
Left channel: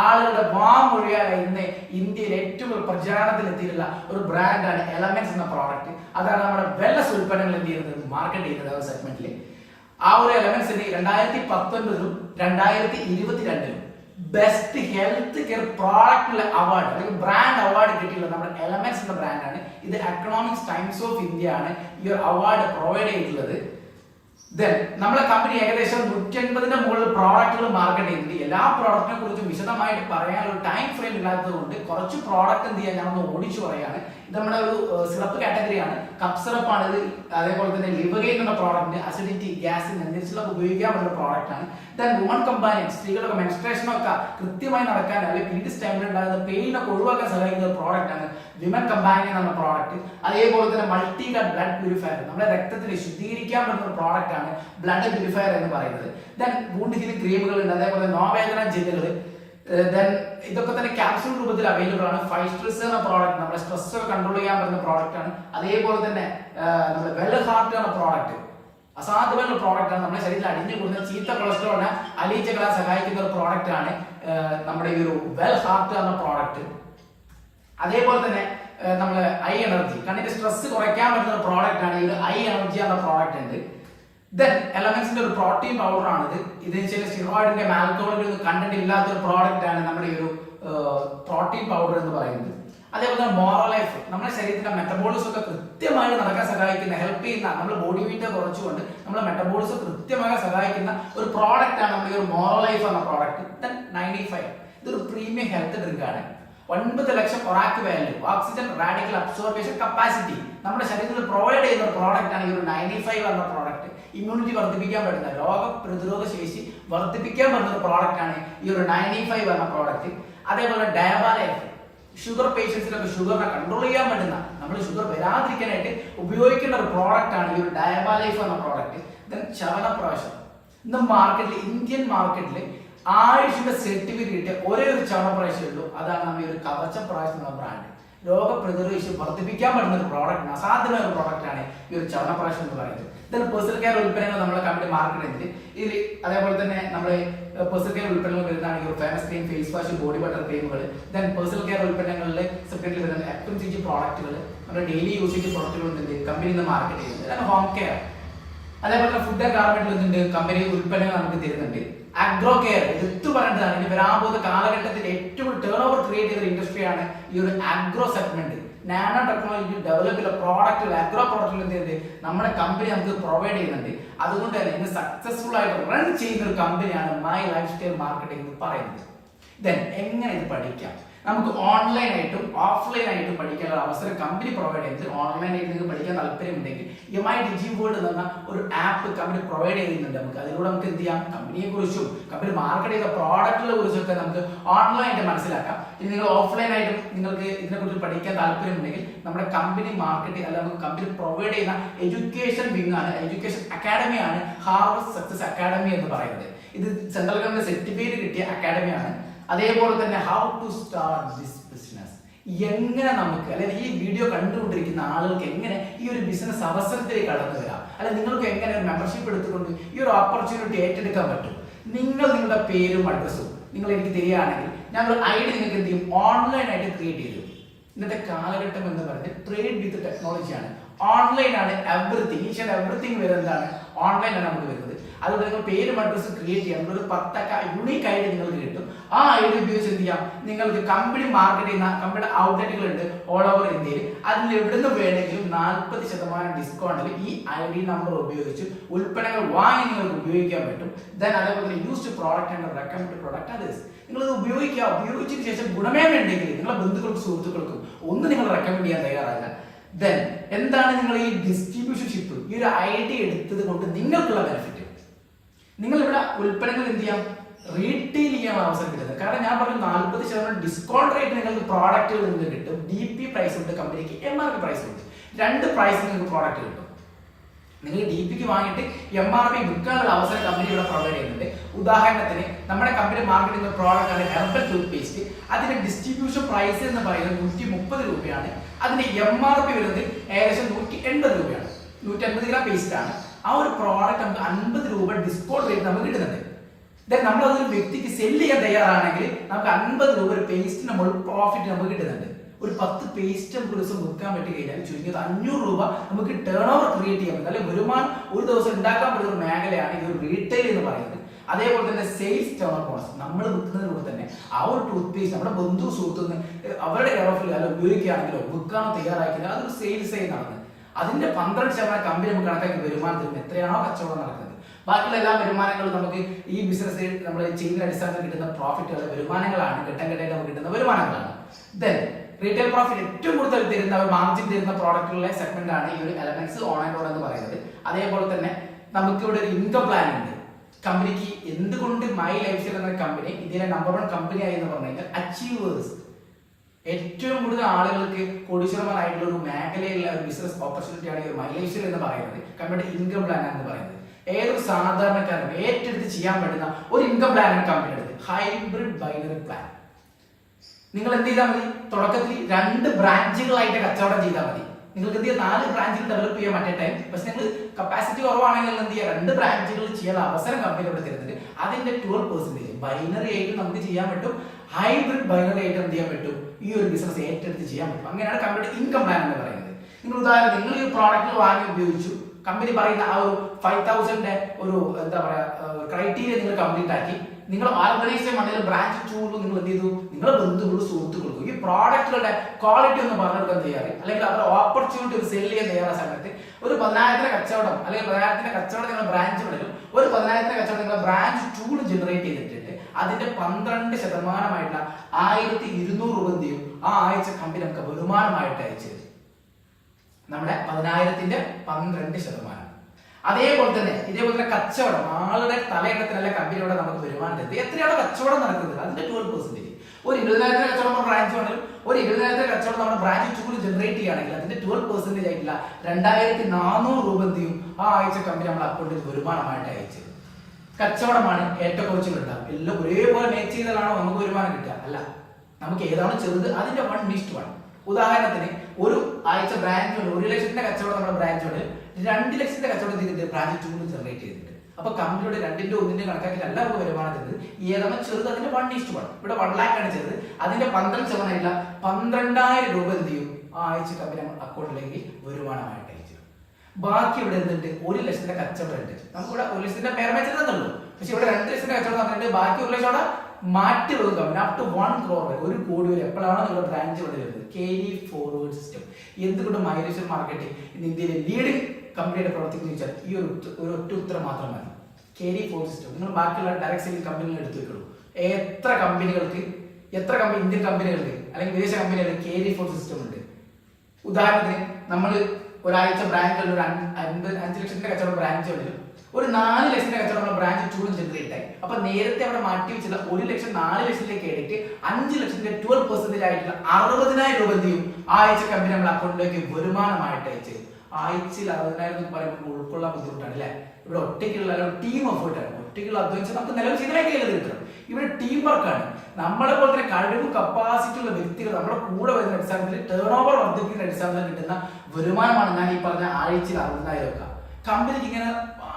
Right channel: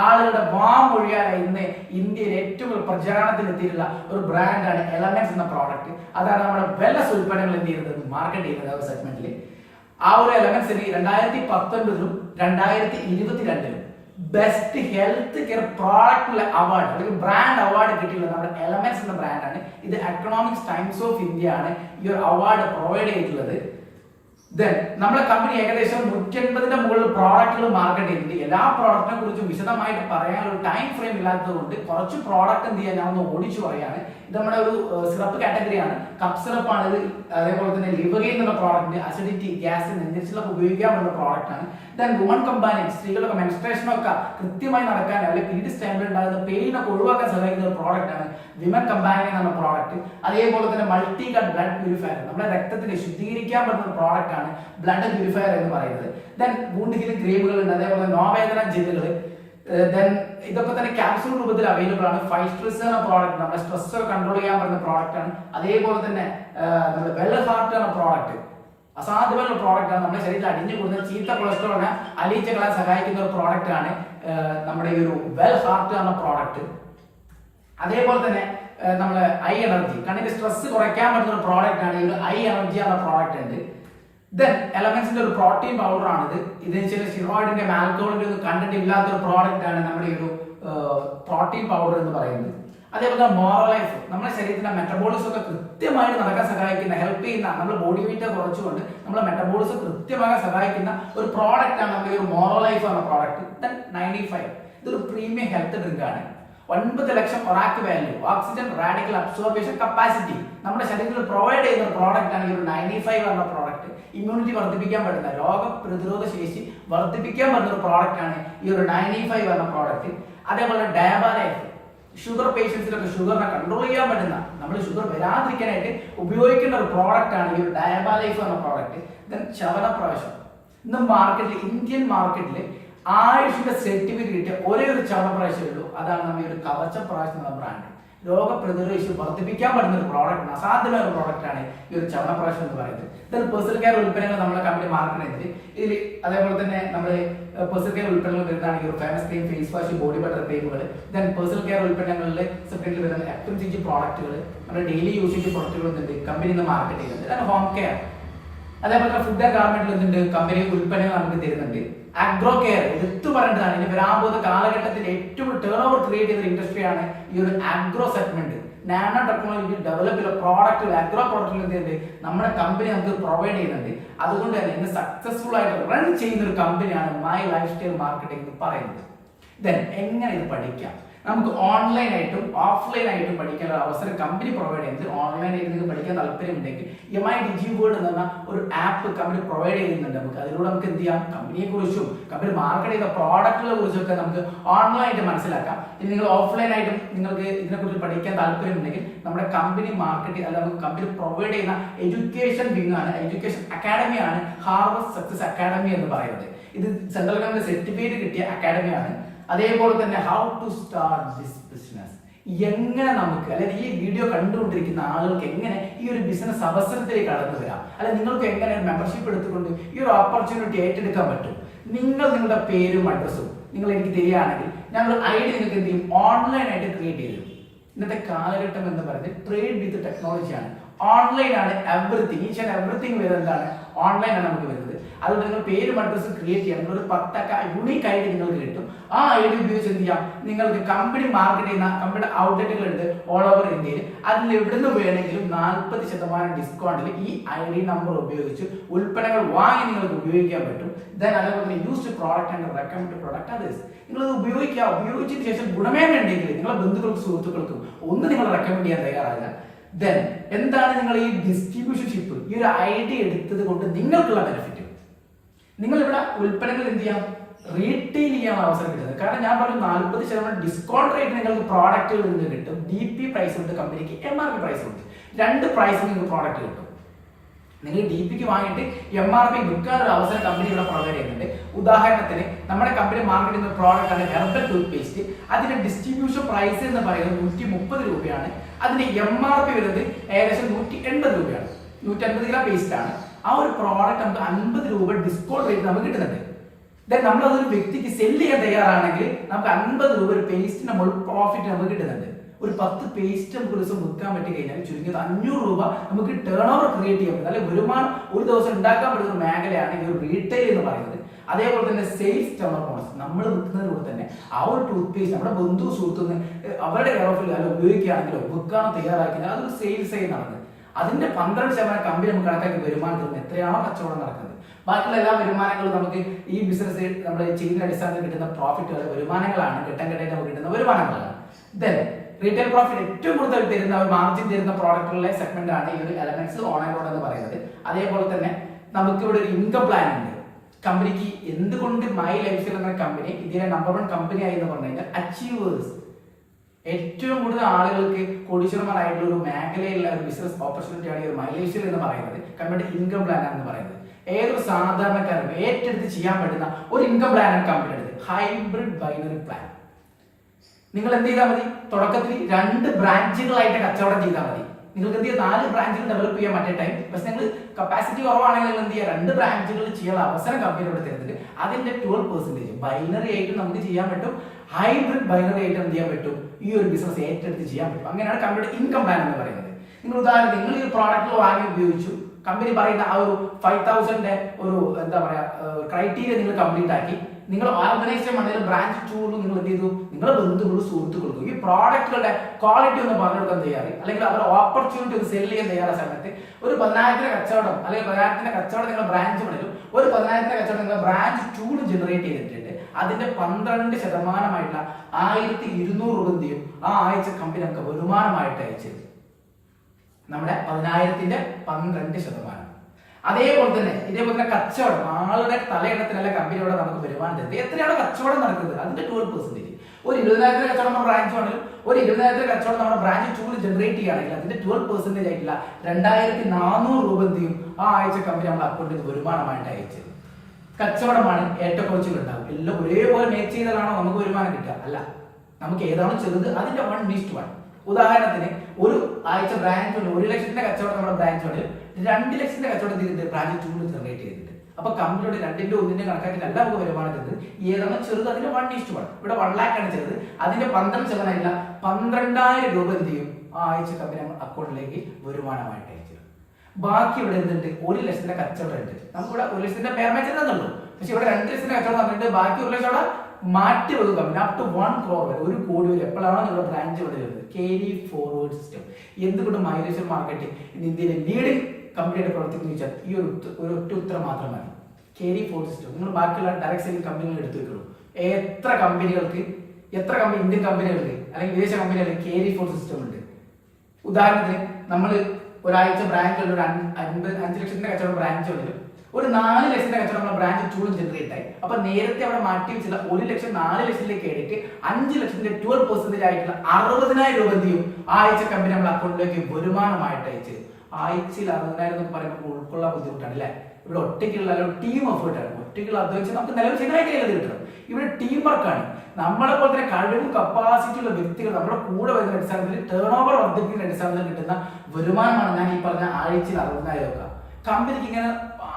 ആളുകളുടെ വാമൊഴിയായ ഇന്ന് ഇന്ത്യയിൽ ഏറ്റവും പ്രചാരണത്തിൽ എത്തിയിട്ടുള്ള ഒരു ബ്രാൻഡാണ് എലമെന്റ്സ് എന്ന പ്രോഡക്റ്റ്. അതാണ് നമ്മുടെ വെൽനസ് ഉൽപ്പന്നങ്ങൾ എന്ത് ചെയ്യുന്നത്, മാർക്കറ്റ് ചെയ്യുന്നത് ആ സെഗ്മെന്റിൽ. ആ ഒരു എലമെന്റ്സിന് 2019 2022 best health care product award അല്ലെങ്കിൽ ബ്രാൻഡ് അവാർഡ് കിട്ടിയിട്ടുള്ളത് നമ്മുടെ എലമെന്റ്സ് എന്ന ബ്രാൻഡാണ്. ഇത് എക്കണോമിക്സ് ടൈംസ് ഓഫ് ഇന്ത്യ ആണ് ഈ ഒരു അവാർഡ് പ്രൊവൈഡ് ചെയ്തിട്ടുള്ളത്. ദെൻ നമ്മുടെ കമ്പനി ഏകദേശം 180ന്റെ മുകളിൽ പ്രോഡക്റ്റുകൾ മാർക്കറ്റ് ചെയ്യുന്നുണ്ട്. എല്ലാ പ്രോഡക്റ്റിനെ കുറിച്ചും വിശദമായിട്ട് പറയാൻ ഒരു ടൈം ഫ്രെയിം ഇല്ലാത്തത് കൊണ്ട് കുറച്ച് പ്രോഡക്റ്റ് എന്ത് ചെയ്യാൻ ഞാൻ ഒന്ന് ഓടിച്ചു പറയാണ്. ഇത് നമ്മുടെ ഒരു സിറപ്പ് കാറ്റഗറിയാണ്, കപ്പ് സിറപ്പ് ആണ് ഇത്. അതേപോലെ തന്നെ ലിവഗെയിൻ എന്ന പ്രോഡക്റ്റ് അസിഡിറ്റി, ഗ്യാസ് എന്നിവയിലൊക്കെ ഉപയോഗിക്കാൻ പറ്റുന്ന പ്രോഡക്റ്റ് ആണ്. ദെൻ വുമൺ കമ്പാനിയൻ, സ്ത്രീകളുടെ മെൻസ്ട്രേഷനൊക്കെ കൃത്യമായി നടക്കാൻ അല്ലെങ്കിൽ പീരീഡ്സ് ടൈമിൽ ഉണ്ടാകുന്ന പെയിനൊക്കെ ഒഴിവാക്കാൻ സഹായിക്കുന്ന ഒരു പ്രോഡക്റ്റ് ആണ് വിമൻ കമ്പാനിയൻ എന്ന പ്രോഡക്റ്റ്. അതേപോലെ തന്നെ മൾട്ടി ഗാർഡ് ബ്ലഡ് പ്യൂരിഫയർ, നമ്മുടെ രക്തത്തിന് ശുദ്ധീകരിക്കാൻ പറ്റുന്ന പ്രോഡക്റ്റ് ആണ് ബ്ലഡ് പ്യൂരിഫയർ എന്ന് പറയുന്നത്. ദെൻ വൂണ്ട് ഹീലിംഗ് ക്രീമുകൾ ഉണ്ട്, അതേപോലെ നോവേദന ജെല്ലുകൾ. ദെൻ ഇതൊക്കെ തന്നെ ക്യാപ്സൂൾ രൂപത്തിൽ അവൈലബിൾ ആണ്. 5 സ്ട്രെസ് എന്ന പ്രോഡക്റ്റ് നമ്മുടെ സ്ട്രെസ് കൺട്രോൾ ചെയ്യാൻ പറ്റുന്ന പ്രോഡക്റ്റ് ആണ്. അതേപോലെ തന്നെ നമ്മുടെ വെൽ ഹാർട്ട് എന്ന പ്രോഡക്റ്റ് അസാധ്യമായിട്ടുള്ള പ്രോഡക്റ്റ് ആണ്. നമ്മുടെ ശരീരത്തിൽ അടിഞ്ഞു കൂടുന്ന ചീത്ത കൊളസ്ട്രോളിനെ അലിയിച്ച് കളയാൻ സഹായിക്കുന്ന ഒരു പ്രോഡക്റ്റ് ആണ് നമ്മുടെ ഈ ഒരു വെൽ ഹാർട്ട് എന്ന പ്രോഡക്റ്റ്. അതേപോലെ തന്നെ നമ്മളെ ഐ എനർജി, കണ്ണിന്റെ സ്ട്രെസ് കുറയ്ക്കാൻ പറ്റുന്ന ഒരു പ്രോഡക്റ്റ് ആണ് ഈ ഒരു ഐ എനർജി എന്ന പ്രോഡക്റ്റ് ഉണ്ട്. ദെൻ എലമെന്റ്സിന്റെ ഒരു പ്രോട്ടീൻ പൗഡർ ആണിത്. ഇത് ചില സ്റ്റിറോയിഡിന്റെ ആൽക്കഹോളിന്റെ ഒന്നും കണ്ടന്റ് ഇല്ലാത്ത ഒരു പ്രോഡക്റ്റ് ആണ് നമ്മുടെ ഈ ഒരു പ്രോട്ടീൻ പൗഡർ എന്ന് പറയുന്നത്. അതേപോലെ മോറോ ലൈഫ്, നമ്മുടെ ശരീരത്തിന്റെ മെറ്റബോളിസം ഒക്കെ കൃത്യമായി നടക്കാൻ സഹായിക്കുന്ന, ഹെൽപ്പ് ചെയ്യുന്ന, നമ്മുടെ ബോഡി വെയിറ്റ് കുറച്ചുകൊണ്ട് നമ്മുടെ മെറ്റബോളിസം കൃത്യമായി സഹായിക്കുന്ന ഒരു പ്രോഡക്റ്റ് ആണ് നമ്മുടെ ഈ ഒരു മോറോ ലൈഫ് എന്ന പ്രോഡക്റ്റ്. ദെൻ 95 ഇതൊരു പ്രീമിയം ഹെൽത്ത് ഡ്രിങ്ക് ആണ്. 9 ലക്ഷം ORAC value, oxygen radical absorption capacity നമ്മുടെ ശരീരത്തിൽ പ്രൊവൈഡ് ചെയ്യുന്ന ഒരു പ്രോഡക്റ്റ് ആണ് ഈ ഒരു 95 എന്ന പ്രോഡക്റ്റ്. ഇമ്മ്യൂണിറ്റി വർദ്ധിപ്പിക്കാൻ പറ്റുന്ന, രോഗപ്രതിരോധ ശേഷി വർദ്ധിപ്പിക്കാൻ പറ്റുന്ന ഒരു പ്രോഡക്റ്റ് ആണ് ഈ ഒരു 95 എന്ന പ്രോഡക്റ്റ്. അതേപോലെ ഡയബാലൈഫ്, ഷുഗർ പേഷ്യൻസിലൊക്കെ ഷുഗറിനെ കൺട്രോൾ ചെയ്യാൻ പറ്റുന്ന, നമ്മൾ ഷുഗർ വരാതിരിക്കാനായിട്ട് ഉപയോഗിക്കുന്ന ഒരു പ്രോഡക്റ്റ് ആണ് ഈ ഒരു ഡയബാലൈഫ് എന്ന പ്രോഡക്റ്റ്. ദെൻ ചവനപ്രാശം, ഇന്ന് മാർക്കറ്റിൽ, ഇന്ത്യൻ മാർക്കറ്റിൽ ആയുഷിന്റെ സർട്ടിഫിക്കറ്റ് കിട്ടിയ ഒരേ ഒരു ചവനപ്രാശമേ ഉള്ളൂ. അതാണ് നമ്മുടെ ഒരു കവചപ്രാശം എന്ന ബ്രാൻഡ്. രോഗപ്രതിരോധ വർദ്ധിപ്പിക്കാൻ പറ്റുന്ന ഒരു പ്രോഡക്റ്റ്, അസാധ്യമായ ഒരു പ്രോഡക്റ്റ് ആണ് ഈ ഒരു ചവനപ്രാശം എന്ന് പറയുന്നത്. ദെൻ പേഴ്സണൽ കെയർ ഉൽപ്പന്നങ്ങൾ നമ്മുടെ കമ്പനി മാർക്കറ്റ് ചെയ്യുന്നത് ഇതിൽ. അതേപോലെ തന്നെ നമ്മുടെ പേഴ്സണൽ കെയർ ഉൽപ്പന്നങ്ങൾ വരുന്നതാണെങ്കിൽ famous cream, face wash, body butter ക്രീമുകൾ. ദെൻ പേഴ്സണൽ കെയർ ഉൽപ്പന്നങ്ങളിൽ സെപ്പറേറ്റ്ലി വരുന്ന FMCG പ്രോഡക്റ്റുകൾ, നമ്മുടെ ഡെയിലി യൂസേജ് പ്രോഡക്റ്റുകൾ ഉണ്ട് കമ്പനി മാർക്കറ്റ് ചെയ്യുന്നത്. ദെൻ ഹോം കെയർ, അതേപോലെ തന്നെ ഫുഡ് ആൻഡ് ഗാർമെന്റിൽ നിന്നുണ്ട് കമ്പനി ഉൽപ്പന്നങ്ങൾ നമുക്ക് തരുന്നുണ്ട്. അഗ്രോ കെയർ എടുത്തു പറയേണ്ടതാണ്. ഇനി വരാൻ പോകുന്ന കാലഘട്ടത്തിൽ ഏറ്റവും ടേൺ ഓവർ ക്രിയേറ്റ് ചെയ്ത ഇൻഡസ്ട്രിയാണ് ഈ ഒരു agro segment. Nano technology develop ചെയ്ത പ്രോഡക്റ്റുകൾ, അഗ്രോ പ്രോഡക്റ്റുകൾ എന്ത് ചെയ്യുന്നുണ്ട് നമ്മുടെ കമ്പനി നമുക്ക് പ്രൊവൈഡ് ചെയ്യുന്നുണ്ട്. അതുകൊണ്ട് തന്നെ ഇന്ന് സക്സസ്ഫുൾ ആയിട്ട് റൺ ചെയ്യുന്ന ഒരു കമ്പനിയാണ് മൈ ലൈഫ് സ്റ്റൈൽ മാർക്കറ്റിംഗ് എന്ന് പറയുന്നത്. ദെൻ എങ്ങനെ ഇത് പഠിക്കാം? നമുക്ക് ഓൺലൈൻ ആയിട്ടും ഓഫ്ലൈൻ ആയിട്ടും പഠിക്കാനുള്ള അവസരം കമ്പനി പ്രൊവൈഡ് ചെയ്യുന്നത്. ഓൺലൈൻ ആയിട്ട് നിങ്ങൾക്ക് പഠിക്കാൻ താല്പര്യമുണ്ടെങ്കിൽ MI DigiWorld എന്ന് പറഞ്ഞ ഒരു ആപ്പ് കമ്പനി പ്രൊവൈഡ് ചെയ്യുന്നുണ്ട്. നമുക്ക് അതിലൂടെ നമുക്ക് എന്ത് ചെയ്യാം, കമ്പനിയെ കുറിച്ചും കമ്പനി മാർക്കറ്റ് ചെയ്ത പ്രോഡക്റ്റുകളെ കുറിച്ചൊക്കെ നമുക്ക് ഓൺലൈൻ ആയിട്ട് മനസ്സിലാക്കാം. ഇനി നിങ്ങൾ ഓഫ്ലൈൻ ആയിട്ടും നിങ്ങൾക്ക് ഇതിനെക്കുറിച്ച് പഠിക്കാൻ താല്പര്യമുണ്ടെങ്കിൽ നമ്മുടെ കമ്പനി മാർക്കറ്റ് അല്ല നമുക്ക് കമ്പനി പ്രൊവൈഡ് ചെയ്യുന്ന എഡ്യൂക്കേഷൻ വിങ് ആണ്, എഡ്യൂക്കേഷൻ അക്കാഡമിയാണ് ഹാർവസ്റ്റ് സക്സസ് അക്കാഡമി എന്ന് പറയുന്നത്. ഇത് സെൻട്രൽ ഗവൺമെന്റ് സർട്ടിഫിക്കറ്റ് കിട്ടിയ അക്കാഡമിയാണ്. അതേപോലെ തന്നെ how to start this business, എങ്ങനെ നമുക്ക് അല്ലെങ്കിൽ ഈ വീഡിയോ കണ്ടുകൊണ്ടിരിക്കുന്ന ആളുകൾക്ക് എങ്ങനെ ഈ ഒരു ബിസിനസ് അവസരത്തിലേക്ക് കടന്നു വരാം, അല്ലെങ്കിൽ നിങ്ങൾക്ക് എങ്ങനെ മെമ്പർഷിപ്പ് എടുത്തുകൊണ്ട് ഈ ഒരു ഓപ്പർച്യൂണിറ്റി ഏറ്റെടുക്കാൻ പറ്റും. നിങ്ങൾ നിങ്ങളുടെ പേരും അഡ്രസ്സും നിങ്ങൾ എനിക്ക് തരികയാണെങ്കിൽ ഞങ്ങൾ ID നിങ്ങൾക്ക് എന്ത് ചെയ്യും, ഓൺലൈനായിട്ട് ക്രിയേറ്റ് ചെയ്തു. ഇന്നത്തെ കാലഘട്ടം എന്ന് പറയുന്നത് ട്രേഡ് വിത്ത് ടെക്നോളജിയാണ്. ഓൺലൈൻ ആണ് എവറിത്തിങ്, ഈച്ച് ആൻഡ് എവറിത്തിങ് വരുന്നതാണ് ഓൺലൈനാണ് നമുക്ക് വരുന്നത്. അതുകൊണ്ട് നിങ്ങൾ പേരും അഡ്രസ്സും ക്രിയേറ്റ് ചെയ്യണം. ഒരു 10 യൂണീക്ക് ഐഡി നിങ്ങൾക്ക് കിട്ടും. ആ ഐഡി ഉപയോഗിച്ച് എന്ത് ചെയ്യാം, നിങ്ങൾക്ക് കമ്പനി മാർക്കറ്റ് ചെയ്യുന്ന കമ്പനിയുടെ ഔട്ട്ലെറ്റുകളുണ്ട് ഓൾ ഓവർ ഇന്ത്യയിൽ. അതിൽ എവിടുന്ന് വേണമെങ്കിലും 40% ഡിസ്കൗണ്ടിൽ ഈ ഐഡി നമ്പർ ഉപയോഗിച്ച് ഉൽപ്പന്നങ്ങൾ വാങ്ങി നിങ്ങൾക്ക് ഉപയോഗിക്കാൻ പറ്റും. ദെൻ അതേപോലെ തന്നെ used product and recommend product others. നിങ്ങൾ ഉപയോഗിച്ചതിന് ശേഷം ഗുണമേന്മ ഉണ്ടെങ്കിൽ നിങ്ങളുടെ ബന്ധുക്കൾക്കും സുഹൃത്തുക്കൾക്കും ഒന്ന് നിങ്ങൾ റെക്കമെൻഡ് ചെയ്യാൻ തയ്യാറാകുക. ദെൻ എന്താണ് നിങ്ങൾ ഈ ഡിസ്ട്രിബ്യൂഷൻഷിപ്പ്, ഈ ഒരു ഐഡിയ എടുത്തത് കൊണ്ട് നിങ്ങൾക്കുള്ള ബെനിഫിറ്റ്? നിങ്ങൾ ഇവിടെ ഉൽപ്പന്നങ്ങൾ എന്ത് ചെയ്യാം, റീറ്റെയിൽ ചെയ്യാൻ അവസരം കിട്ടുന്നത്. കാരണം ഞാൻ പറഞ്ഞു 40% ഡിസ്കൗണ്ട് റേറ്റ് നിങ്ങൾക്ക് പ്രോഡക്റ്റുകൾ നിങ്ങൾക്ക് കിട്ടും. DP പ്രൈസ് ഉണ്ട്, കമ്പനിക്ക് MRP പ്രൈസ് ഉണ്ട്. 2 പ്രൈസിൽ നിങ്ങൾക്ക് പ്രോഡക്റ്റ് കിട്ടും. നിങ്ങൾ DPക്ക് വാങ്ങിയിട്ട് MRP വിൽക്കാനുള്ള അവസരം കമ്പനി ഇവിടെ പ്രൊവൈഡ് ചെയ്യുന്നുണ്ട്. ഉദാഹരണത്തിന് നമ്മുടെ കമ്പനി മാർക്കറ്റ് ചെയ്യുന്ന പ്രോഡക്റ്റ് ആണ് ഹെർബൽ ടൂത്ത് പേസ്റ്റ്. അതിന്റെ ഡിസ്ട്രിബ്യൂഷൻ പ്രൈസ് എന്ന് പറയുന്നത് 130 രൂപയാണ്. അതിന്റെ MRP വരുന്നത് ഏകദേശം 180 രൂപയാണ്. 150 ഗ്രാം പേസ്റ്റ് ആണ്. ആ ഒരു പ്രോഡക്റ്റ് നമുക്ക് 50 രൂപ ഡിസ്കൗണ്ട് റേറ്റ് നമുക്ക് കിട്ടുന്നുണ്ട്. ദെൻ നമ്മൾ അതൊരു വ്യക്തിക്ക് സെല്ല് ചെയ്യാൻ തയ്യാറാണെങ്കിൽ നമുക്ക് 50 രൂപ ഒരു പേസ്റ്റ് നമ്മൾ പ്രോഫിറ്റ് നമുക്ക് കിട്ടുന്നുണ്ട്. ഒരു 10 പേസ്റ്റ് നമുക്ക് ഒരു ദിവസം വിൽക്കാൻ പറ്റി കഴിഞ്ഞാൽ ചുരുങ്ങിയത് 500 രൂപ നമുക്ക് ടേൺ ഓവർ ക്രിയേറ്റ് ചെയ്യാൻ പറ്റും. അല്ലെങ്കിൽ വരുമാനം ഒരു ദിവസം ഉണ്ടാക്കാൻ പറ്റുന്ന ഒരു മേഖലയാണ് ഈ ഒരു റീറ്റെയിൽ എന്ന് പറയുന്നത്. അതേപോലെ തന്നെ സെയിൽസ് ടേൺ ഓവർ ബോണസ്. നമ്മൾ വിൽക്കുന്നതിലൂടെ തന്നെ ആ ഒരു ടൂത്ത് പേസ്റ്റ് നമ്മുടെ ബന്ധു സുഹൃത്തുന്ന് അവരുടെ കെയർ ഓഫിൽ അല്ല ഉപയോഗിക്കുകയാണെങ്കിലോ വിൽക്കാനോ തയ്യാറാക്കുന്നത് അതൊരു സെയിൽസ് ആയി നടക്കുന്നത്. അതിന്റെ 12% കമ്പനി നമുക്ക് കണക്കാക്കി വരുമാനത്തിൽ എത്രയാണോ കച്ചവടം നടക്കുന്നത്. ബാക്കിയുള്ള എല്ലാ വരുമാനങ്ങളും നമുക്ക് ഈ ബിസിനസ് നമ്മൾ ചെയ്യുന്ന അടിസ്ഥാനത്തിൽ കിട്ടുന്ന പ്രോഫിറ്റുകൾ വരുമാനങ്ങളാണ്. ഘട്ടം ഘട്ടമായിട്ട് നമുക്ക് കിട്ടുന്ന വരുമാനങ്ങളാണ്. ദെൻ റീറ്റെയിൽ പ്രോഫിറ്റ് ഏറ്റവും കൂടുതൽ തരുന്ന ഒരു മാർജിൻ തരുന്ന പ്രോഡക്റ്റുകളുടെ സെഗ്മെന്റ് ആണ് ഈ ഒരു എലമെന്റ്സ് ഓൺ ആൻഡ് റോഡ് എന്ന് പറയുന്നത്. അതേപോലെ തന്നെ നമുക്ക് ഇവിടെ ഒരു ഇൻകം പ്ലാൻ ഉണ്ട്. കമ്പനിക്ക് എന്തുകൊണ്ട് മൈ ലൈഫ് സ്റ്റൈൽ എന്ന കമ്പനി ഇന്ത്യയിലെ നമ്പർ 1 കമ്പനി ആയി എന്ന് പറഞ്ഞു കഴിഞ്ഞാൽ അച്ചീവേഴ്സ്, ഏറ്റവും കൂടുതൽ ആളുകൾക്ക് കോടീശ്വരന്മാരായിട്ടുള്ള ഒരു മേഖലയിലുള്ള ഒരു ബിസിനസ് ഓപ്പർച്യൂണിറ്റി ആണ് ഈ ഒരു മൈ ലൈഫ് സ്റ്റൈൽ എന്ന് പറയുന്നത്. കമ്പനിയുടെ ഇൻകം പ്ലാൻ എന്ന് പറയുന്നത് ഏതൊരു സാധാരണക്കാരും ഏറ്റെടുത്ത് ചെയ്യാൻ പറ്റുന്ന ഒരു ഇൻകം പ്ലാൻ ആണ് കമ്പനി എടുത്തത്. Hybrid binary plan. നിങ്ങൾ എന്ത് ചെയ്താൽ മതി, തുടക്കത്തിൽ 2 ബ്രാഞ്ചുകളായിട്ട് കച്ചവടം ചെയ്താൽ മതി. നിങ്ങൾക്ക് എന്ത് ചെയ്യുക, 4 ബ്രാഞ്ചുകൾ ഡെവലപ്പ് ചെയ്യാൻ മറ്റേ ടൈം. പക്ഷെ നിങ്ങൾ കപ്പാസിറ്റി കുറവാണെങ്കിൽ എന്ത് ചെയ്യുക, 2 ബ്രാഞ്ചുകൾ ചെയ്യാനുള്ള അവസരം കമ്പനി ഇവിടെ തരുന്നുണ്ട്. അതിന്റെ 12% ബൈനറി ആയിട്ട് നമുക്ക് ചെയ്യാൻ പറ്റും. ഹൈബ്രിഡ് ബൈനറി ആയിട്ട് എന്ത് ചെയ്യാൻ പറ്റും, ഈ ഒരു ബിസിനസ് ഏറ്റെടുത്ത് ചെയ്യാൻ പറ്റും. അങ്ങനെയാണ് കമ്പനിയുടെ ഇൻകം പ്ലാൻ എന്ന് പറയുന്നത്. നിങ്ങൾ ഉദാഹരണം, നിങ്ങൾ ഈ പ്രോഡക്റ്റ് വാങ്ങി ഉപയോഗിച്ചു, കമ്പനി പറയുന്ന ആ ഒരു 5000 ഒരു എന്താ പറയാ ക്രൈറ്റീരിയ നിങ്ങൾ കംപ്ലീറ്റ് ആക്കി, നിങ്ങൾ ഓർഗനൈസേഷൻ ആണെങ്കിലും ബ്രാഞ്ച് ടൂറിൽ നിങ്ങൾ എന്ത് ചെയ്തു, നിങ്ങളുടെ ബന്ധുക്കളും സുഹൃത്തുക്കൾക്കും ഈ പ്രോഡക്റ്റുകളുടെ ക്വാളിറ്റി ഒന്ന് പറഞ്ഞെടുക്കാൻ തയ്യാറി, അല്ലെങ്കിൽ അവരുടെ ഓപ്പർച്യൂണിറ്റി ഒന്ന് സെല് ചെയ്യാൻ തയ്യാറായ സമയത്ത് ഒരു 10,000 കച്ചവടം അല്ലെങ്കിൽ 10,000 കച്ചവടം നിങ്ങളുടെ ബ്രാഞ്ച് ഉണ്ടെങ്കിലും ഒരു 10,000 കച്ചവടം നിങ്ങളുടെ ബ്രാഞ്ച് ടൂൾ ജനറേറ്റ് ചെയ്തിട്ടുണ്ട്. അതിന്റെ 12% 1200 രൂപ എന്ത് ചെയ്യും, ആ ആഴ്ച കമ്പനി നമുക്ക് വരുമാനമായിട്ട് അയച്ചത് നമ്മുടെ 10,000ന്റെ 12%. അതേപോലെ തന്നെ ഇതേപോലെ തന്നെ കച്ചവടം ആളുടെ തലയെണ്ണത്തിനല്ല കമ്പനിയോടെ നമുക്ക് വരുമാനം തരുന്നത്. എത്രയാണോ കച്ചവടം നടക്കുന്നത് അതിന്റെ 12%. ഒരു 20,000 കച്ചവടം നമ്മുടെ ബ്രാഞ്ച് ആണെങ്കിലും ഒരു 20,000 കച്ചവടം നമ്മുടെ ബ്രാഞ്ച് ടൂൾ ജനറേറ്റ് ചെയ്യുകയാണെങ്കിൽ അതിന്റെ 12% ആയിട്ടില്ല 2,400 രൂപ എന്ത് ചെയ്യും, ആ ആഴ്ച കമ്പനി നമ്മൾ അക്കൗണ്ടിൽ വരുമാനമായിട്ട് അയച്ചത്. കച്ചവടമാണ്, ഏറ്റക്കുറച്ചിൽ ഉണ്ടാകും. എല്ലാം ഒരേപോലെ മേക്ക് ചെയ്താലാണോ നമുക്ക് വരുമാനം കിട്ടുക? അല്ല, നമുക്ക് ഏതാണോ ചെറുത് അതിന്റെ 1:1. ഉദാഹരണത്തിന് ഒരു ആഴ്ച ബ്രാഞ്ച് 1 ലക്ഷത്തിന്റെ കച്ചവടം നമ്മുടെ ബ്രാഞ്ച് ഉണ്ട്, 2 ലക്ഷത്തിന്റെ കച്ചവടം ചെയ്തിട്ട് ബ്രാഞ്ച് ടൂൾ ജനറേറ്റ് ചെയ്തിട്ട്. അപ്പൊ കമ്പനിയുടെ 2ന്റെ 1ന്റെ കണക്കാക്കിയിട്ടല്ല നമുക്ക് വരുമാനം തരുന്നത്. ഏതാണോ ചെറുത് അതിന്റെ 1:1. ഇവിടെ 1 lakh ആണ് ചെറുത്, അതിന്റെ 12% 12,000 രൂപ എന്ത് ചെയ്യും, ആ ആഴ്ച കമ്പനി അക്കൗണ്ടിലേക്ക് വരുമാനമായിട്ട് അയച്ചു. ബാക്കി ഇവിടെ എന്തുണ്ട്, 1 ലക്ഷത്തിന്റെ കച്ചവടം ഉണ്ട്. നമുക്കിവിടെ 1 ലക്ഷത്തിന്റെ പേർമേച്ചർ തന്നുള്ളൂ. പക്ഷെ ഇവിടെ 2 ലക്ഷത്തിന്റെ കച്ചവടം തന്നിട്ടുണ്ട്. ബാക്കി 1 ലക്ഷം മാറ്റി വെക്കും കമ്പനി അപ് ടു 1 crore വരെ, 1 കോടി വരെ എപ്പോഴാണോ നിങ്ങളുടെ ബ്രാഞ്ച് ഇവിടെ വരുന്നത്. കേരി ഫോർവേഡ് സിസ്റ്റം. എന്തുകൊണ്ട് മൈഗ്രേഷൻ മാർക്കറ്റിംഗ് ഇന്ന് ഇന്ത്യയിലെ ലീഡിംഗ് കമ്പനിയുടെ പ്രവർത്തിക്കുന്നു ചോദിച്ചാൽ ഈ ഒരു ഒറ്റ ഉത്തരം മാത്രം മതി, കേരി ഫോർവേഡ് സിസ്റ്റം. നിങ്ങൾ ബാക്കിയുള്ള ഡയറക്ട് സെല്ലിംഗ് കമ്പനികൾ എടുത്തു വെക്കുള്ളൂ. എത്ര ഇന്ത്യൻ കമ്പനികൾക്ക് അല്ലെങ്കിൽ വിദേശ കമ്പനികൾക്ക് കേരി ഫോർവേഡ് സിസ്റ്റം ഉണ്ട്. ഉദാഹരണത്തിന് നമ്മൾ ഒരാഴ്ച ബ്രാഞ്ച് ഒരു 5 ലക്ഷത്തിന്റെ കച്ചവടം ബ്രാഞ്ച് ഉണ്ടെങ്കിലും ഒരു 4 ലക്ഷത്തിന്റെ കച്ചവടം നമ്മുടെ ബ്രാഞ്ച് ടൂളും ജനറേറ്റ് ആയി. അപ്പൊ നേരത്തെ അവിടെ മാറ്റി വെച്ചുള്ള 1 ലക്ഷം 4 ലക്ഷത്തിലേക്ക് ഏറിയിട്ട് 5 ലക്ഷത്തിന്റെ 12% ആയിട്ടുള്ള 60,000 രൂപ എന്ത് ചെയ്യും, ആഴ്ച കമ്പനി നമ്മുടെ അക്കൗണ്ടിലേക്ക് വരുമാനമായിട്ട് അയച്ചു. ആഴ്ചയിൽ 60,000 എന്ന് പറയുമ്പോൾ ഉൾക്കൊള്ളാൻ ബുദ്ധിമുട്ടാണ് അല്ലെ. ഇവിടെ ഒറ്റയ്ക്കുള്ള ടീം എഫേർട്ടാണ്. ഒറ്റയ്ക്കുള്ള അധ്വാനിച്ച് നമുക്ക് നിലവിൽ ചെയ്തതായിട്ട് കിട്ടണം. ഇവിടെ ടീം വർക്കാണ്. നമ്മളെ പോലെ തന്നെ കഴിവും കപ്പാസിറ്റി ഉള്ള വ്യക്തികൾ നമ്മുടെ കൂടെ വരുന്ന അടിസ്ഥാനത്തിൽ ടേൺ ഓവർ വർദ്ധിപ്പിക്കുന്ന അടിസ്ഥാനത്തിൽ കിട്ടുന്ന വരുമാനമാണ് ഞാൻ ഈ പറഞ്ഞ ആഴ്ചയിൽ 60,000 ഒക്കെ. കമ്പനിക്ക് ഇങ്ങനെ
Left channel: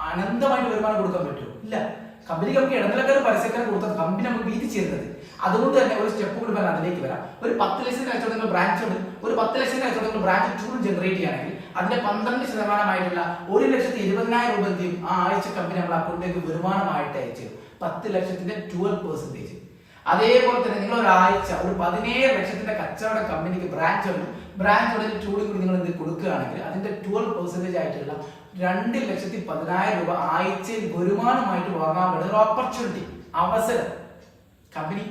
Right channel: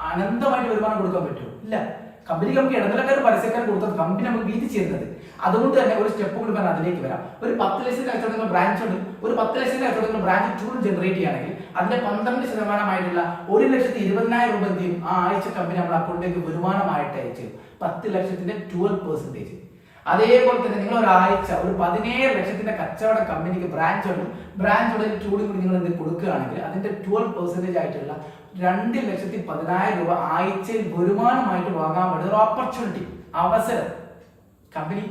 അനന്തമായിട്ട് വരുമാനം കൊടുക്കാൻ പറ്റുമോ? ഇല്ല. കമ്പനിക്ക് നമുക്ക് ഇടനിലക്കാർ പരസ്യക്കാർ കൊടുത്തത് കമ്പനി നമുക്ക് വീതിച്ചു തരുന്നത്. അതുകൊണ്ട് തന്നെ ഒരു സ്റ്റെപ്പ് കൂടി പറഞ്ഞാൽ അതിലേക്ക് വരാം. ഒരു 10 ലക്ഷം കച്ചവടം നിങ്ങൾ ബ്രാഞ്ച് ഉണ്ട്, ഒരു 10 ലക്ഷം കച്ചവടം നിങ്ങൾ ബ്രാഞ്ച് 2 ജനറേറ്റ് ചെയ്യുകയാണെങ്കിൽ അതിന്റെ 12% 1,20,000 രൂപ എന്ത് ചെയ്യും? ആ ആഴ്ച കമ്പനി നമ്മുടെ അക്കൗണ്ടിലേക്ക് വരുമാനമായിട്ട് അയച്ചു 10 ലക്ഷത്തിന്റെ 12%. അതേപോലെ തന്നെ നിങ്ങൾ ഒരാഴ്ച ഒരു 17 ലക്ഷത്തിന്റെ കച്ചവട കമ്പനിക്ക് ബ്രാഞ്ച് ഉണ്ട്, ബ്രാഞ്ച് ഉടനെ 2 കൂടി നിങ്ങൾ എന്ത് കൊടുക്കുകയാണെങ്കിൽ അതിന്റെ 12% ആയിട്ടുള്ള 2,10,000 രൂപ ആഴ്ചയിൽ വരുമാനമായിട്ട് വാങ്ങാൻ പറ്റുന്ന ഒരു ഓപ്പർച്യൂണിറ്റി, അവസരം. കമ്പനി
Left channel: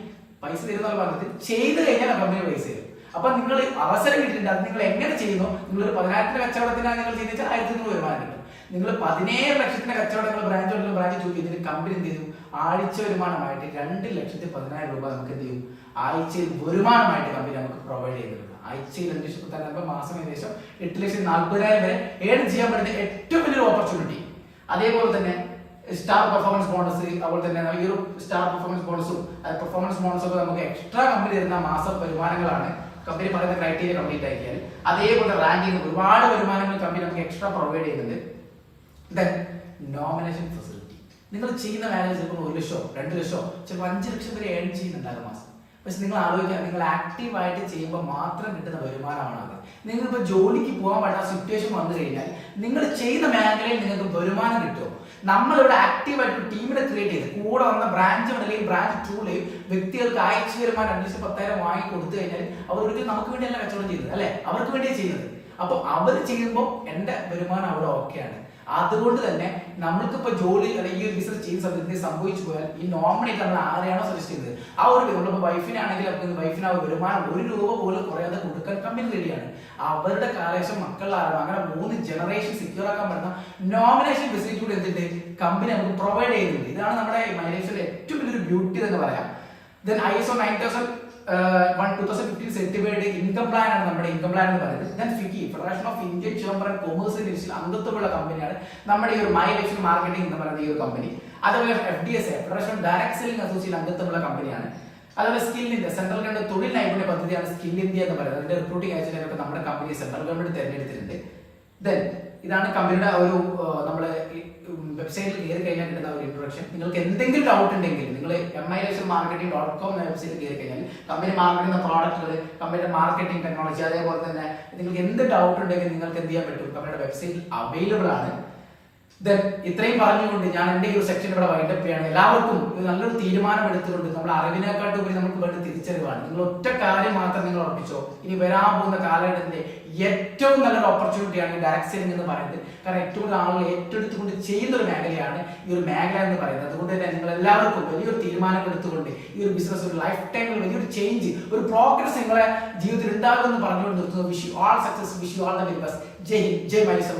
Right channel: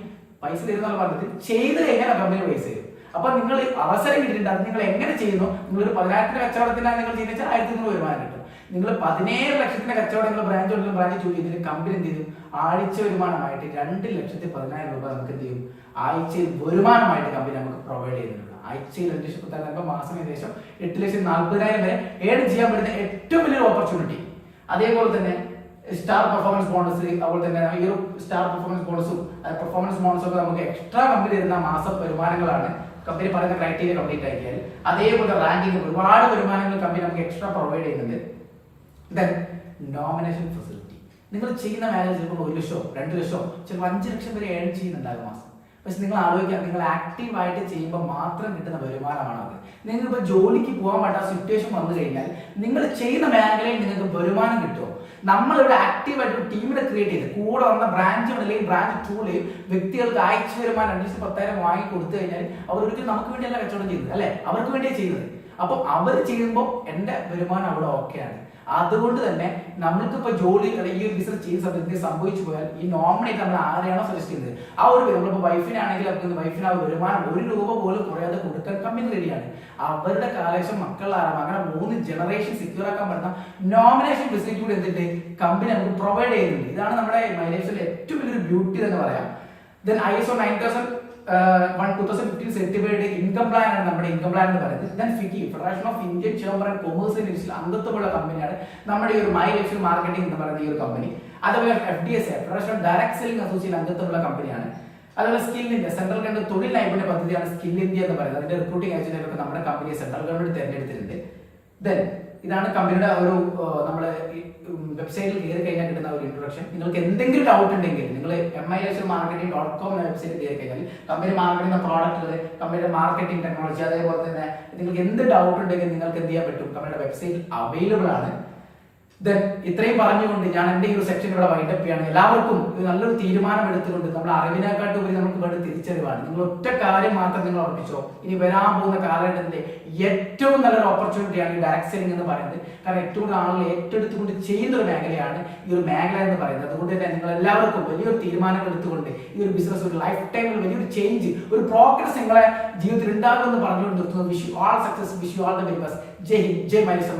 പൈസ തരുന്ന പറഞ്ഞത് ചെയ്ത് കഴിഞ്ഞാൽ കമ്പനി പൈസ തരും. അപ്പൊ നിങ്ങൾ അവസരം കിട്ടിയിട്ടുണ്ട്, അത് നിങ്ങൾ എങ്ങനെ ചെയ്യുന്നു? നിങ്ങൾ ഒരു 10,000 കച്ചവടത്തിനാണ് നിങ്ങൾ ചെയ്യുന്നത്, 1,000 വരുമാനം കിട്ടും. നിങ്ങൾ 17 ലക്ഷത്തിന്റെ കച്ചവടങ്ങൾ ബ്രാഞ്ച് ഉണ്ടെങ്കിലും ബ്രാഞ്ച് ചോദിക്കും, ഇതിന് കമ്പനി എന്ത് ചെയ്യും? ആഴ്ച വരുമാനമായിട്ട് 2,10,000 രൂപ നമുക്ക് എന്ത് ചെയ്യും? ആഴ്ചയിൽ വരുമാനമായിട്ട് കമ്പനി നമുക്ക് പ്രൊവൈഡ് ചെയ്യുന്നുണ്ട്. ആഴ്ചയിൽ 2,10,000 മാസം ഏകദേശം 8,40,000 വരെ ഏൺ ചെയ്യാൻ പറ്റുന്ന ഏറ്റവും വലിയൊരു ഓപ്പർച്യൂണിറ്റി. അതേപോലെ തന്നെ സ്റ്റാർ പെർഫോമൻസ് ബോണസ്, അതുപോലെ തന്നെ ഈ ഒരു സ്റ്റാർ പെർഫോമൻസ് ബോണസും പെർഫോമൻസ് ബോണസും ഒക്കെ നമുക്ക് എക്സ്ട്രാ കമ്പനി തരുന്ന മാസ വരുമാനങ്ങളാണ്. കമ്പനി പറയുന്ന ക്രൈറ്റീരിയ കംപ്ലീറ്റ് ആക്കിയാൽ അതേപോലെ റാങ്കിങ് ഒരുപാട് വരുമാനങ്ങൾ കമ്പനി നമുക്ക് എക്സ്ട്രാ പ്രൊവൈഡ് ചെയ്യുന്നുണ്ട്. Then nomination facility. നിങ്ങൾ ചെയ്യുന്ന മാനേജ് ചിലപ്പോൾ 1 ലക്ഷമോ 2 ലക്ഷമോ ചിലപ്പോൾ 5 ലക്ഷം വരെ ഏൺ ചെയ്യുന്നുണ്ടാകും മാസം. പക്ഷെ നിങ്ങൾ ആലോചിക്കുക, നിങ്ങൾ ആക്റ്റീവായിട്ട് ചെയ്യുമ്പോൾ മാത്രം കിട്ടുന്ന വരുമാനമാണ് അത്. നിങ്ങളിപ്പോൾ ജോലിക്ക് പോകാൻ പറ്റാത്ത സിറ്റുവേഷൻ വന്നു കഴിഞ്ഞാൽ നിങ്ങൾ ചെയ്യുന്ന മേഖലയിൽ നിങ്ങൾക്ക് വരുമാനം കിട്ടുമോ? നമ്മളിവിടെ ആക്റ്റീവായിട്ട് ഒരു ടീമിനെ ക്രിയേറ്റ് ചെയ്ത് കൂടെ വന്ന ബ്രാഞ്ചുകളിലെയും ബ്രാഞ്ച് 2ലെയും വ്യക്തികൾക്ക് ആഴ്ച വരുമാനം 2,10,000 വാങ്ങി കൊടുത്തു കഴിഞ്ഞാൽ അവർ ഒരിക്കലും നമുക്ക് വേണ്ടിയല്ല കച്ചവടം ചെയ്യുന്നത്, അല്ലെ? അവർക്ക് വേണ്ടിയാണ് ചെയ്യുന്നത്. അപ്പൊ അവർ ചെയ്യുമ്പോൾ എന്റെ വരുമാനം അവിടെ ഓക്കെയാണ്. അതുകൊണ്ട് തന്നെ നമ്മൾക്കിപ്പോ ജോലി ഈ ഒരു ബിസിനസ് ചെയ്യുന്ന സമയത്ത് സംഭവിച്ചു പോയാൽ ഈ നോമിനേറ്റ് നമ്മൾ ആരെയാണോ സജസ്റ്റ് ചെയ്യുന്നത് ആ ഒരു നമ്മളിപ്പോ വൈഫിനാണെങ്കിൽ വൈഫിന് ആ വരുമാനം 1 രൂപ പോലും കുറയാതെ കൊടുക്കാൻ കമ്പനി റെഡിയാണ്. അവരുടെ കാലശേഷം മക്കളാണ്, അങ്ങനെ 3 ജനറേഷൻ സെക്യൂർ ആക്കാൻ പറ്റുന്ന നോമിനേഷൻ ഫെസിലിറ്റി കൂടി എന്തിട്ട് കമ്പനി നമുക്ക് പ്രൊവൈഡ് ചെയ്യുന്നുണ്ട്. ഇതാണ് നമ്മുടെ മൈലേജിലെ ഏറ്റവും വലിയൊരു ബ്യൂട്ടി തന്നെ പറയാം. Then ISO 9001:2015 certified income plan ആണ് നമ്മുടെ ഇൻകം പ്ലാൻ എന്ന് പറയുന്നത്. Then FICCI federation of Indian chamber and commerce ലിസ്റ്റിൽ അംഗത്വമുള്ള കമ്പനിയാണ് നമ്മുടെ ഈ ഒരു മൈ ലക്ഷ്യം മാർക്കറ്റിംഗ് എന്ന് പറയുന്ന ഈ ഒരു കമ്പനി. അതുപോലെ FDSA federation of direct selling association അംഗത്വമുള്ള കമ്പനിയാണ്. അതുപോലെ സ്കിൽ ഇന്ത്യ സെൻട്രൽ ഗവൺമെന്റ് തൊഴിൽ നൈപുണ്യ പദ്ധതിയാണ് സ്കിൽ ഇന്ത്യ എന്ന് പറയുന്നത്. അതിന്റെ റിക്രൂട്ടിംഗ് ഏജന്റുകളൊക്കെ നമ്മുടെ കമ്പനിയെ സെൻട്രൽ ഗവൺമെന്റ് തിരഞ്ഞെടുത്തിട്ടുണ്ട്. ദെൻ ഇതാണ് കമ്പനിയുടെ ഒരു നമ്മള് വെബ്സൈറ്റിൽ കയറി കഴിഞ്ഞാൽ കിട്ടുന്ന ഒരു ഇൻട്രൊഡക്ഷൻ. നിങ്ങൾക്ക് എന്തെങ്കിലും ഡൗട്ട് ഉണ്ടെങ്കിൽ നിങ്ങൾ milation-marketing.com എന്ന വെബ്സൈറ്റിൽ കയറി കഴിഞ്ഞാൽ കമ്പനി മാർക്കറ്റിംഗ് പ്രോഡക്റ്റുകൾ, കമ്പനിയുടെ മാർക്കറ്റിംഗ് ടെക്നോളജി, അതേപോലെ തന്നെ നിങ്ങൾക്ക് എന്ത് ഡൗട്ട് ഉണ്ടെങ്കിൽ നിങ്ങൾക്ക് എന്ത് ചെയ്യാൻ പറ്റും, കമ്പനിയുടെ വെബ്സൈറ്റിൽ അവൈലബിൾ ആണ്. ദെൻ ഇത്രയും പറഞ്ഞുകൊണ്ട് ഞാൻ എന്റെ ഈ ഒരു സെക്ഷൻ ഇവിടെ വൈൻഡപ്പ് ചെയ്യാണ്. എല്ലാവർക്കും നല്ലൊരു തീരുമാനം എടുത്തുകൊണ്ട് നമ്മൾ അറിവിനെക്കാട്ടും ഉപരി നമുക്ക് വേണ്ട തിരിച്ചറിവാണ്. നിങ്ങൾ ഒറ്റ കാര്യം മാത്രം നിങ്ങൾ ഉറപ്പിച്ചോ, ഇനി വരാൻ പോകുന്ന കാലഘട്ടത്തിന്റെ ഏറ്റവും നല്ലൊരു ഓപ്പർച്യൂണിറ്റിയാണ് ഈ ഡയറക്ട് സെല്ലിംഗ് എന്ന് പറയുന്നത്. കാരണം ഏറ്റവും കൂടുതൽ ആളുകൾ ഏറ്റെടുത്തുകൊണ്ട് ചെയ്യുന്ന ഒരു മേഖലയാണ് ഈ ഒരു മേഖല എന്ന് പറയുന്നത്. അതുകൊണ്ട് തന്നെ നിങ്ങൾ എല്ലാവർക്കും വലിയൊരു തീരുമാനങ്ങൾ എടുത്തുകൊണ്ട് ഈ ഒരു ബിസിനസ് ഒരു ലൈഫ് ടൈമിൽ വലിയൊരു ചേഞ്ച്, ഒരു പ്രോഗ്രസ് നിങ്ങളെ ജീവിതത്തിൽ ഉണ്ടാകുമെന്ന് പറഞ്ഞുകൊണ്ട് നിർത്തുന്നു. Wish you all success, wish you all the very best. Jai Hind, Jai മൈലേഷൻ.